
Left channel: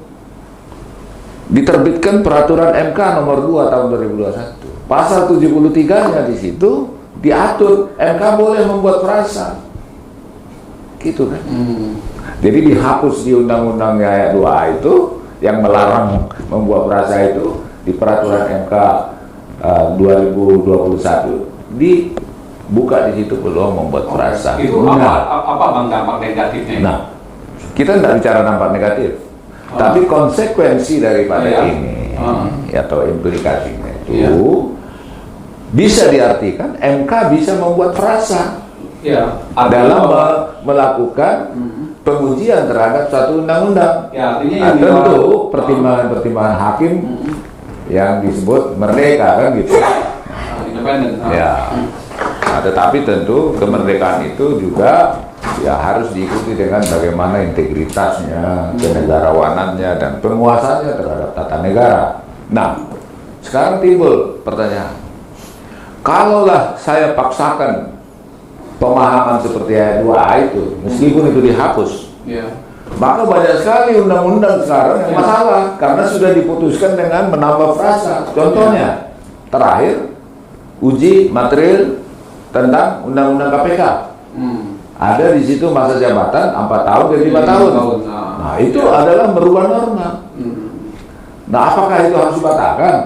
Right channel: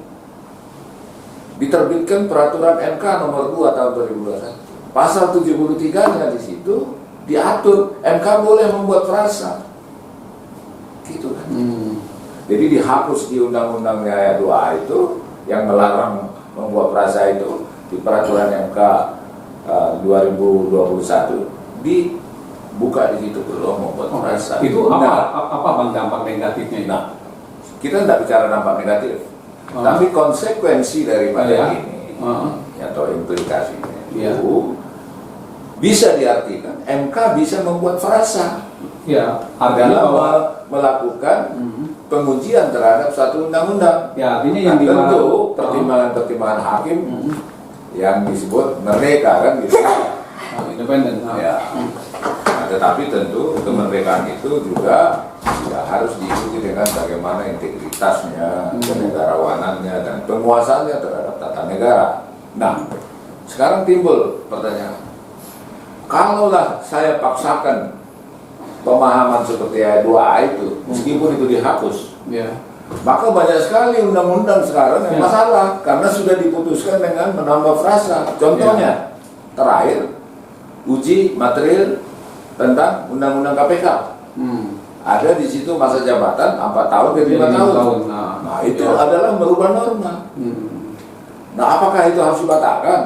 diterbitkan peraturan MK Nomor 2 tahun 2021. Pasal 73-nya di situ diatur MK boleh membuat frasa, gitu kan? Jadi dihapus di undang-undang ayat 2 itu yang melarang membuat frasa itu di peraturan MK 2021 dibuka di situ belum membuat frasa. Itu apa bang dampak negatifnya? Nah, kita tidak bicara dampak negatif, tapi konsekuensi daripada ini atau implikasinya itu bisa diartikan MK bisa membuat frasa dalam melakukan pengujian terhadap satu undang-undang. Ya, artinya yang tentu pertimbangan hakim yang disebut merdeka kan gitu. Independen. Ya. Nah, tetapi tentu kemerdekaan itu juga ya harus diikuti dengan bagaimana integritasnya, kenegarawanannya dan penguasaannya terhadap tata negara. Nah, sekarang timbul pertanyaan, kalaulah saya paksakan pemahaman seperti ayat 2A itu, meskipun itu dihapus, maka banyak sekali undang-undang sekarang yang masalah karena sudah diputuskan dengan menambah frasa. Contohnya, terakhir uji material tentang undang-undang KPK. Ada di situ masa jabatan 4 tahun ke 5 tahun. Nah, itu adalah merubah norma. Nah, apakah itu harus dibatalkan?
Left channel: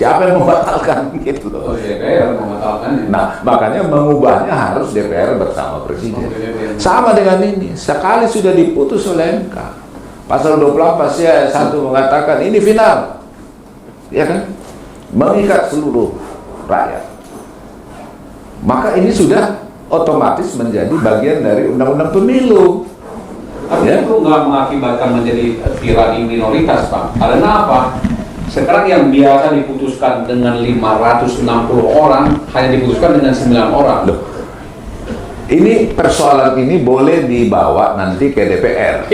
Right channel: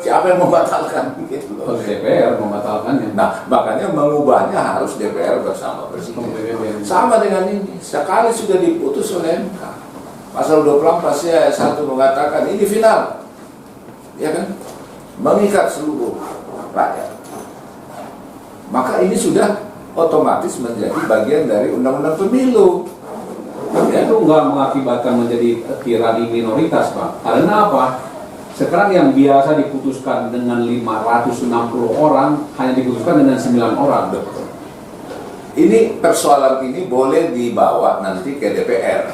Siapa yang membatalkan gitu loh? DPR membatalkan. Nah, makanya mengubahnya harus DPR bersama Presiden. Sama dengan ini, sekali sudah diputus oleh MK, pasal 24 ayat 1 mengatakan ini final, ya kan? Mengikat seluruh rakyat. Maka ini sudah otomatis menjadi bagian dari undang-undang pemilu. Artinya itu nggak mengakibatkan menjadi tirani minoritas, Pak. Karena apa? Sekarang yang biasa diputuskan dengan 560 orang hanya diputuskan dengan 9 orang. Ini persoalan ini boleh dibawa nanti ke DPR.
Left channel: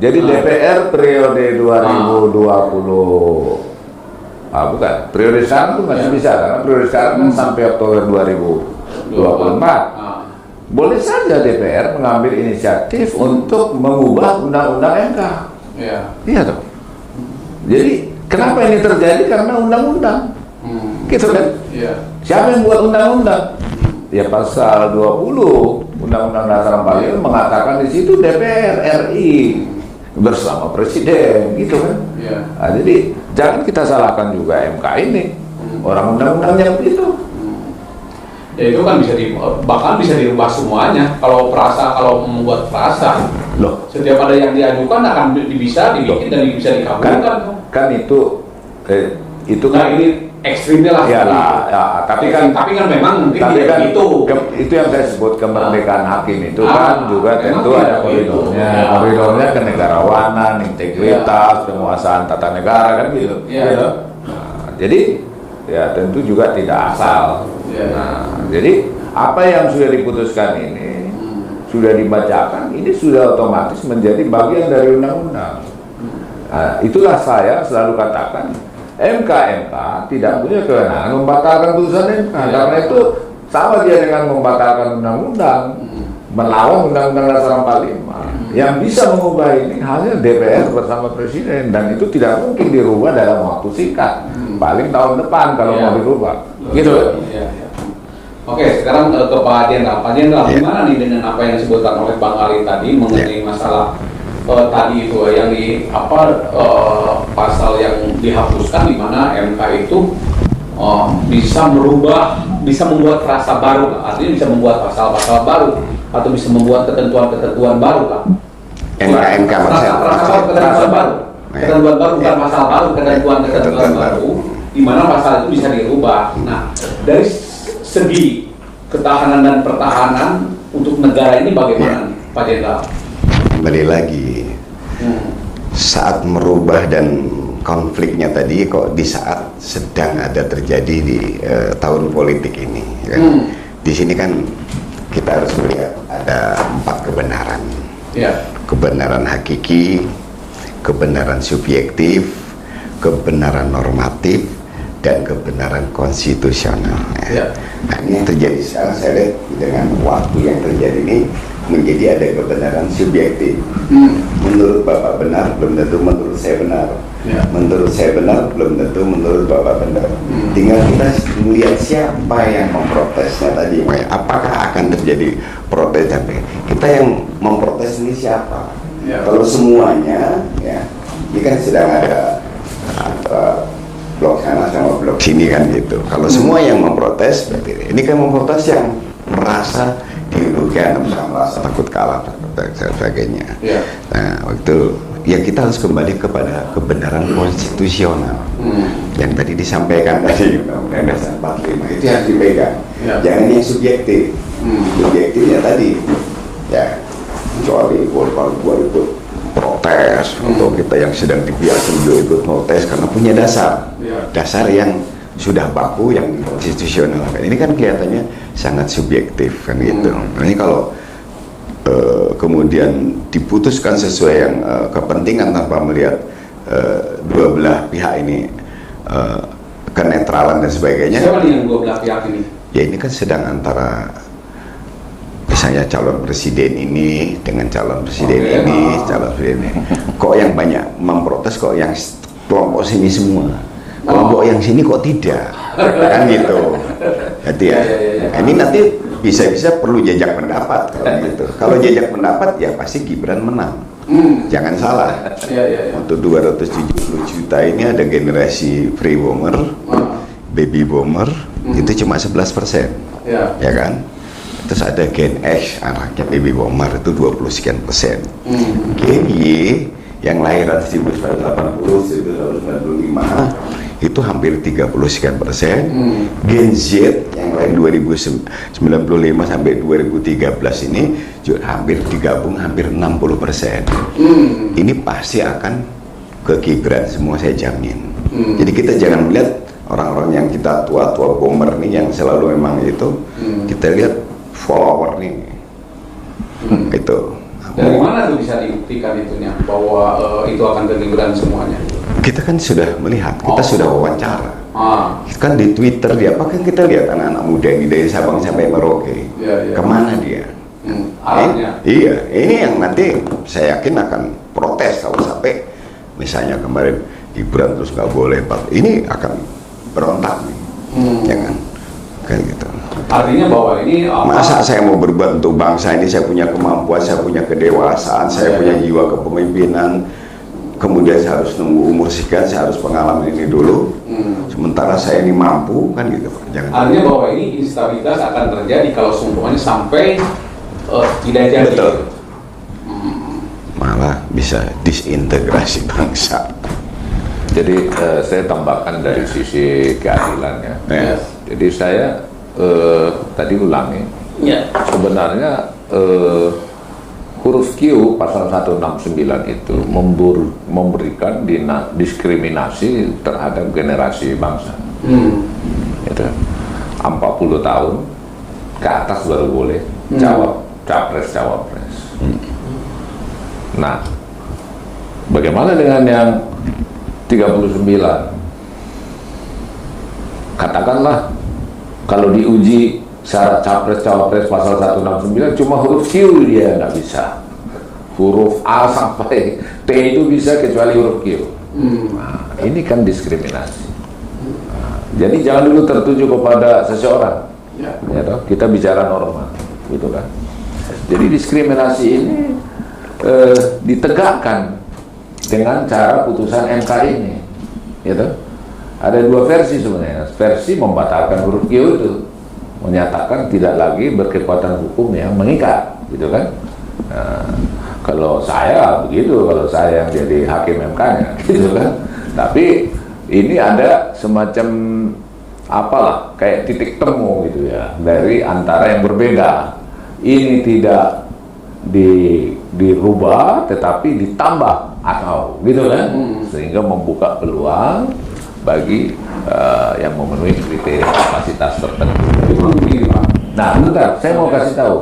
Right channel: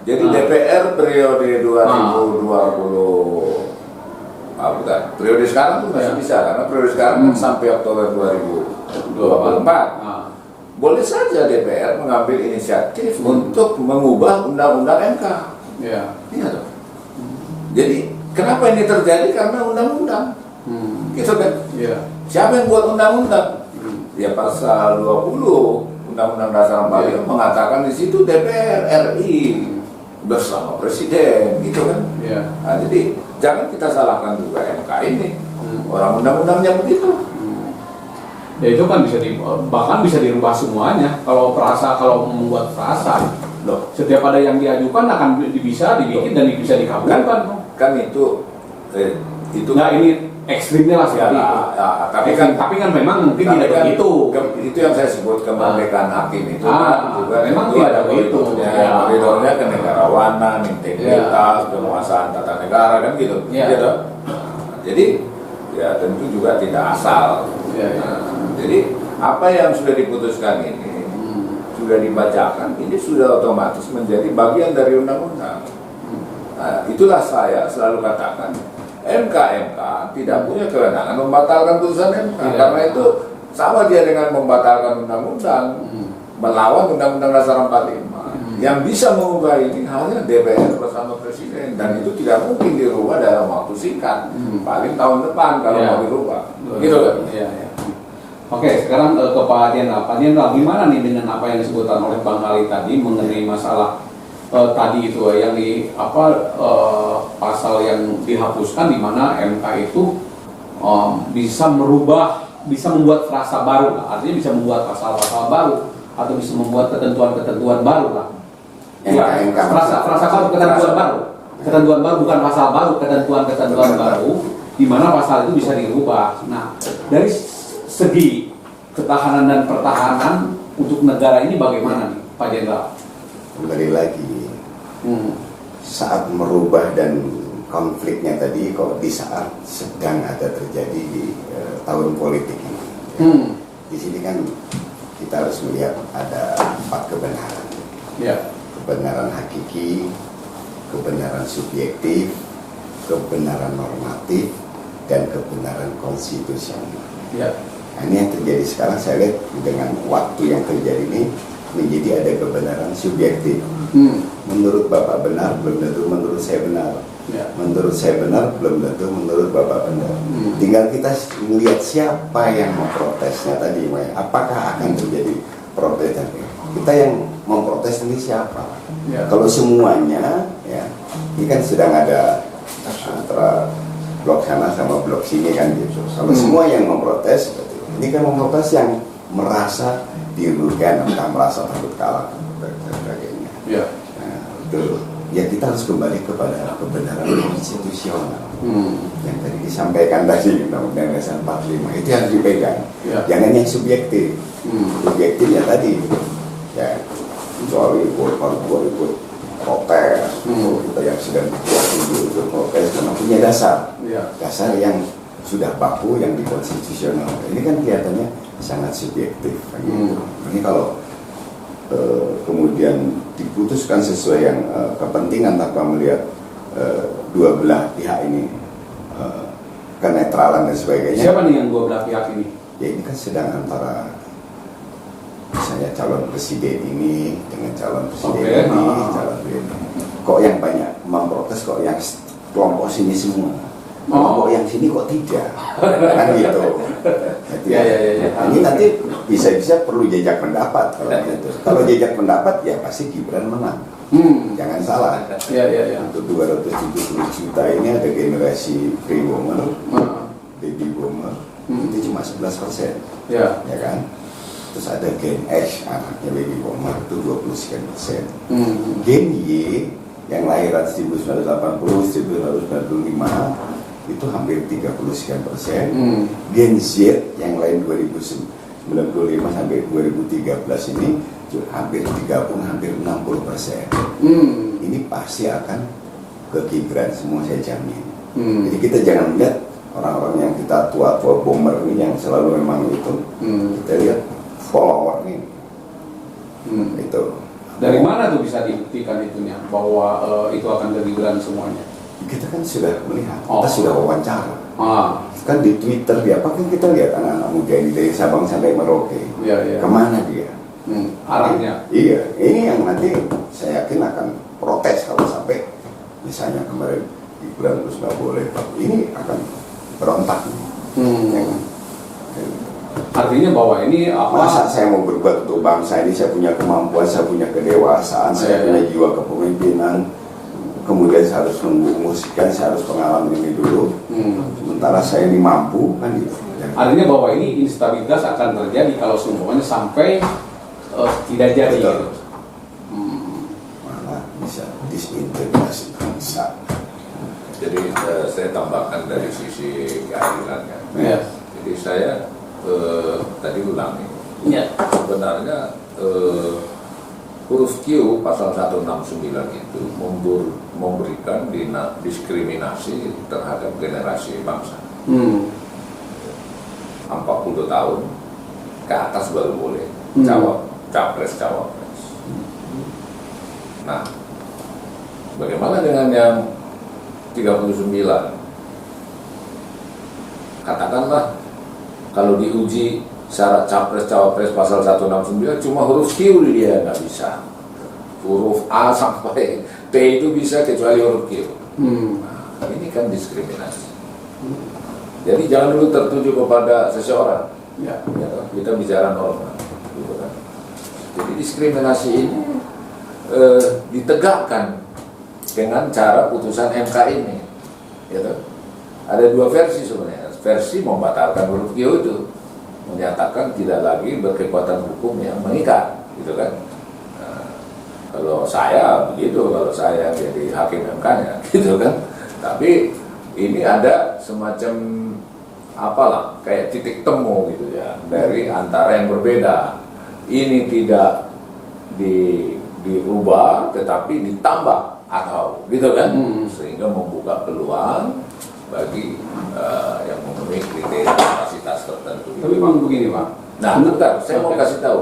Jadi DPR periode 2020 bukan, periode sekarang itu masih bisa, karena periode sekarang kan sampai Oktober 2024. Boleh saja DPR mengambil inisiatif untuk mengubah undang-undang MK. Iya toh. Jadi kenapa ini terjadi? Karena undang-undang. Gitu kan? Siapa yang buat undang-undang? Ya pasal 20 Undang-Undang Dasar 45 itu mengatakan di situ DPR RI bersama Presiden, gitu kan? Nah, jadi jangan kita salahkan juga MK ini. Orang undang-undangnya begitu. Ya itu kan bahkan bisa dirubah semuanya. Kalau membuat frasa, setiap ada yang diajukan akan bisa dibikin dan bisa dikabulkan. Kan itu nah ini ekstrimnya lah. Tapi kan memang mungkin tidak begitu. Itu yang saya sebut kemerdekaan hakim itu kan juga tentu ada koridornya kenegarawanan, integritas, penguasaan tata negara kan gitu. Jadi ya tentu juga tidak asal. Jadi apa yang sudah diputuskan ini sudah dibacakan, ini sudah otomatis menjadi bagian dari undang-undang. Nah, itulah saya selalu katakan MK tidak punya kewenangan membatalkan putusan MK. Karena itu sama dia dengan membatalkan undang-undang, melawan Undang-Undang Dasar 45. Yang bisa mengubah ini hanya DPR bersama Presiden, dan itu tidak mungkin dirubah dalam waktu singkat. Paling tahun depan kalau mau dirubah. Gitu. Oke, sekarang ke Pak Jenderal. Pak Jenderal, gimana nih dengan apa yang disebutkan oleh Bang Ali tadi mengenai masalah tadi itu yang pasal yang dihapuskan, di mana MK itu bisa membuat frasa baru, artinya bisa membuat pasal-pasal baru atau bisa membuat ketentuan-ketentuan baru, Pak. Ketentuan baru bukan pasal baru, ketentuan baru, di mana pasal itu bisa dirubah. Nah, dari segi ketahanan dan pertahanan untuk negara ini bagaimana nih, Pak Jenderal? Kembali lagi, saat merubah dan konfliknya tadi kok di saat sedang ada terjadi di tahun politik ini. Kan? Di sini kan kita harus melihat ada 4 kebenaran. Kebenaran hakiki, kebenaran subjektif, kebenaran normatif, dan kebenaran konstitusional. Nah, ini yang terjadi sekarang, saya lihat dengan waktu yang terjadi ini menjadi ada kebenaran subjektif. Menurut Bapak benar, belum tentu menurut saya benar. Menurut saya benar, belum tentu menurut Bapak benar. Tinggal kita melihat siapa yang memprotesnya tadi. Apakah akan terjadi protes sampai kita yang memprotes ini siapa? Kalau semuanya, ya, ini kan sedang ada blok sana sama blok sini kan gitu. Kalau semua yang memprotes, berarti ini kan memprotes yang merasa dirugikan, merasa takut kalah dan sebagainya. Nah, waktu ya kita harus kembali kepada kebenaran konstitusional yang tadi disampaikan tadi Undang-Undang Dasar 45 itu yang dipegang. Jangan yang subjektif. Subjektifnya tadi ya kecuali korban itu protes untuk kita yang sedang dibiarkan itu protes karena punya dasar yang sudah baku yang konstitusional. Ini kan kelihatannya sangat subjektif kan gitu. Nah, ini kalau kemudian diputuskan sesuai yang kepentingan tanpa melihat dua belah pihak ini kenetralan dan sebagainya. Siapa nih yang dua belah pihak ini? Ya ini kan sedang antara misalnya calon presiden ini dengan calon presiden ini, calon presiden ini. Kok yang banyak memprotes, kok yang kelompok sini semua. Kelompok yang sini kok tidak, kan gitu. Jadi ya, ini nanti bisa-bisa perlu jejak pendapat kalau gitu. Kalau jejak pendapat ya pasti Gibran menang. Jangan salah. Untuk 270 juta ini ada generasi free bomber, baby bomber, itu cuma 11%, ya kan? Terus ada Gen X, anaknya baby bomber itu 20 sekian persen. Gen Y yang lahir 1980, 1995 itu hampir 30 sekian persen. Gen Z yang lahir 1995 sampai 2013 ini juga hampir digabung hampir 60%. Ini pasti akan ke Gibran semua, saya jamin. Jadi kita jangan melihat orang-orang yang kita tua-tua bomber nih yang selalu memang itu, kita lihat follower nih. Itu. Dari mana tuh bisa dibuktikan itunya bahwa itu akan ke Gibran semuanya? Kita kan sudah melihat, kita sudah wawancara. Kan di Twitter dia, kan kita lihat anak muda ini dari Sabang sampai Merauke. Kemana dia? Iya, ini yang nanti saya yakin akan protes kalau sampai misalnya kemarin Gibran terus nggak boleh, ini akan berontak, jangan kayak gitu. Artinya bahwa ini masa saya mau berubah untuk bangsa ini, saya punya kemampuan, saya punya kedewasaan, saya punya jiwa kepemimpinan, kemudian saya harus nunggu umur sekian, saya harus pengalaman ini dulu, sementara saya ini mampu kan gitu. Artinya bahwa ini instabilitas akan terjadi kalau semuanya sampai tidak jadi. Malah bisa disintegrasi bangsa. Jadi saya tambahkan dari sisi keadilan ya. Jadi saya tadi ulangi. Sebenarnya huruf Q pasal 169 itu memberikan diskriminasi terhadap generasi bangsa. Itu 40 tahun ke atas baru boleh capres. Nah, bagaimana dengan yang 39? Katakanlah kalau diuji syarat capres-cawapres pasal 169 cuma huruf Q dia nggak bisa, huruf A sampai T itu bisa kecuali huruf Q. Nah, ini kan diskriminasi. Jadi jangan dulu tertuju kepada seseorang. Kita bicara norma, gitu kan. Jadi diskriminasi ini ditegakkan dengan cara putusan MK ini, gitu. Ada dua versi sebenarnya. Versi membatalkan huruf Q itu, menyatakan tidak lagi berkekuatan hukum yang mengikat, gitu kan. Nah, kalau saya begitu, kalau saya jadi hakim MK-nya, gitu kan. Tapi ini ada semacam apa kayak titik temu gitu ya dari antara yang berbeda. Ini tidak dirubah tetapi ditambah atau gitu kan, sehingga membuka peluang bagi yang memenuhi kriteria kapasitas tertentu. Nah, bentar, saya mau kasih tahu.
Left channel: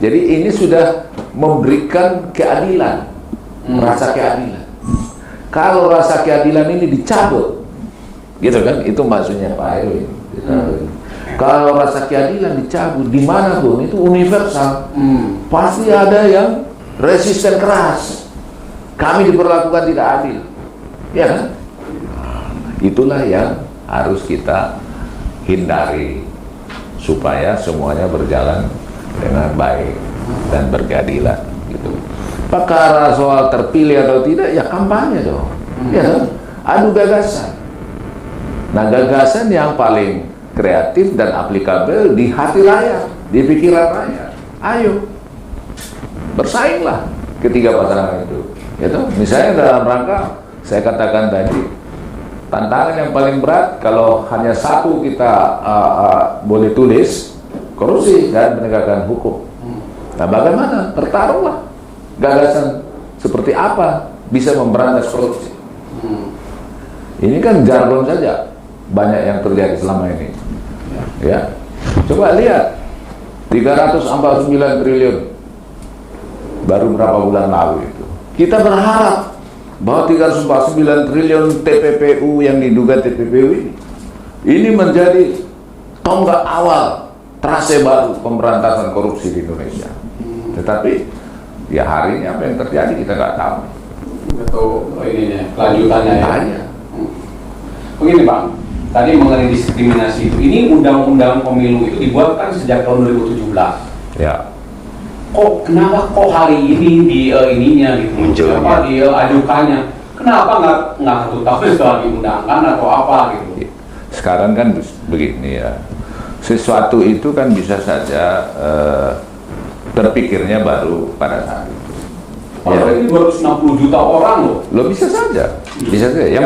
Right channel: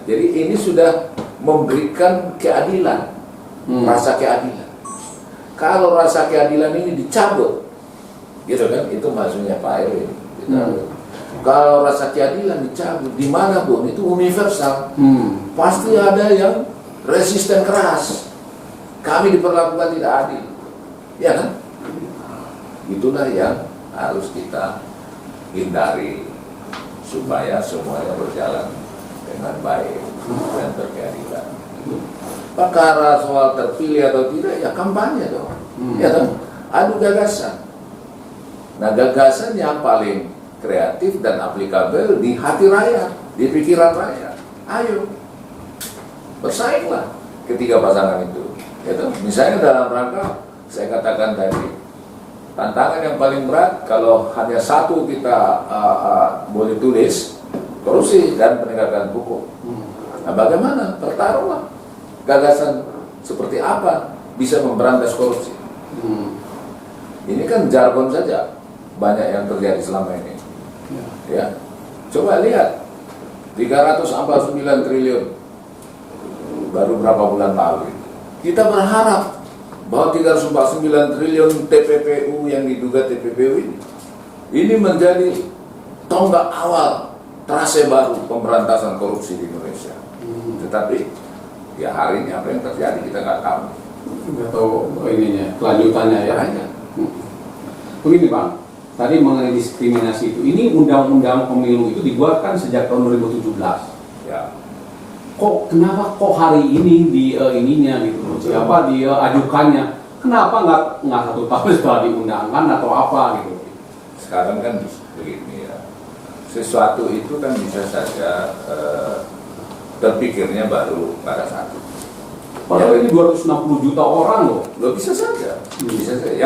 Jadi ini sudah memberikan keadilan, rasa keadilan. Kalau rasa keadilan ini dicabut, gitu kan? Itu maksudnya Pak Erwin. Kalau rasa keadilan dicabut, di mana Bu? Itu universal. Pasti ada yang resisten keras. Kami diperlakukan tidak adil. Ya kan? Itulah yang harus kita hindari supaya semuanya berjalan dengan baik dan berkeadilan. Gitu. Perkara soal terpilih atau tidak ya kampanye dong. Ya kan? Adu gagasan. Nah, gagasan yang paling kreatif dan aplikabel di hati rakyat, di pikiran rakyat. Ayo, bersainglah ketiga pasangan itu. Gitu. Misalnya dalam rangka, saya katakan tadi, tantangan yang paling berat kalau hanya satu kita boleh tulis, korupsi dan penegakan hukum. Nah, bagaimana? Bertaruhlah gagasan seperti apa bisa memberantas korupsi. Ini kan jargon saja banyak yang terjadi selama ini. Ya, coba lihat 349 triliun baru berapa bulan lalu itu. Kita berharap bahwa 349 triliun TPPU yang diduga TPPU ini menjadi tonggak awal trase baru pemberantasan korupsi di Indonesia. Tetapi ya harinya apa yang terjadi kita nggak tahu. Nggak tahu ininya, lanjutannya ya. Begini Pak, tadi mengenai diskriminasi itu, ini undang-undang pemilu itu dibuat kan sejak tahun 2017. Ya. Kenapa hari ini di ininya gitu, kenapa diajukannya? Kenapa nggak 1 tahun setelah diundangkan atau apa gitu? Sekarang kan begini ya, sesuatu itu kan bisa saja terpikirnya baru pada saat. Kalau ini baru 60 juta orang loh. Bisa saja. Yang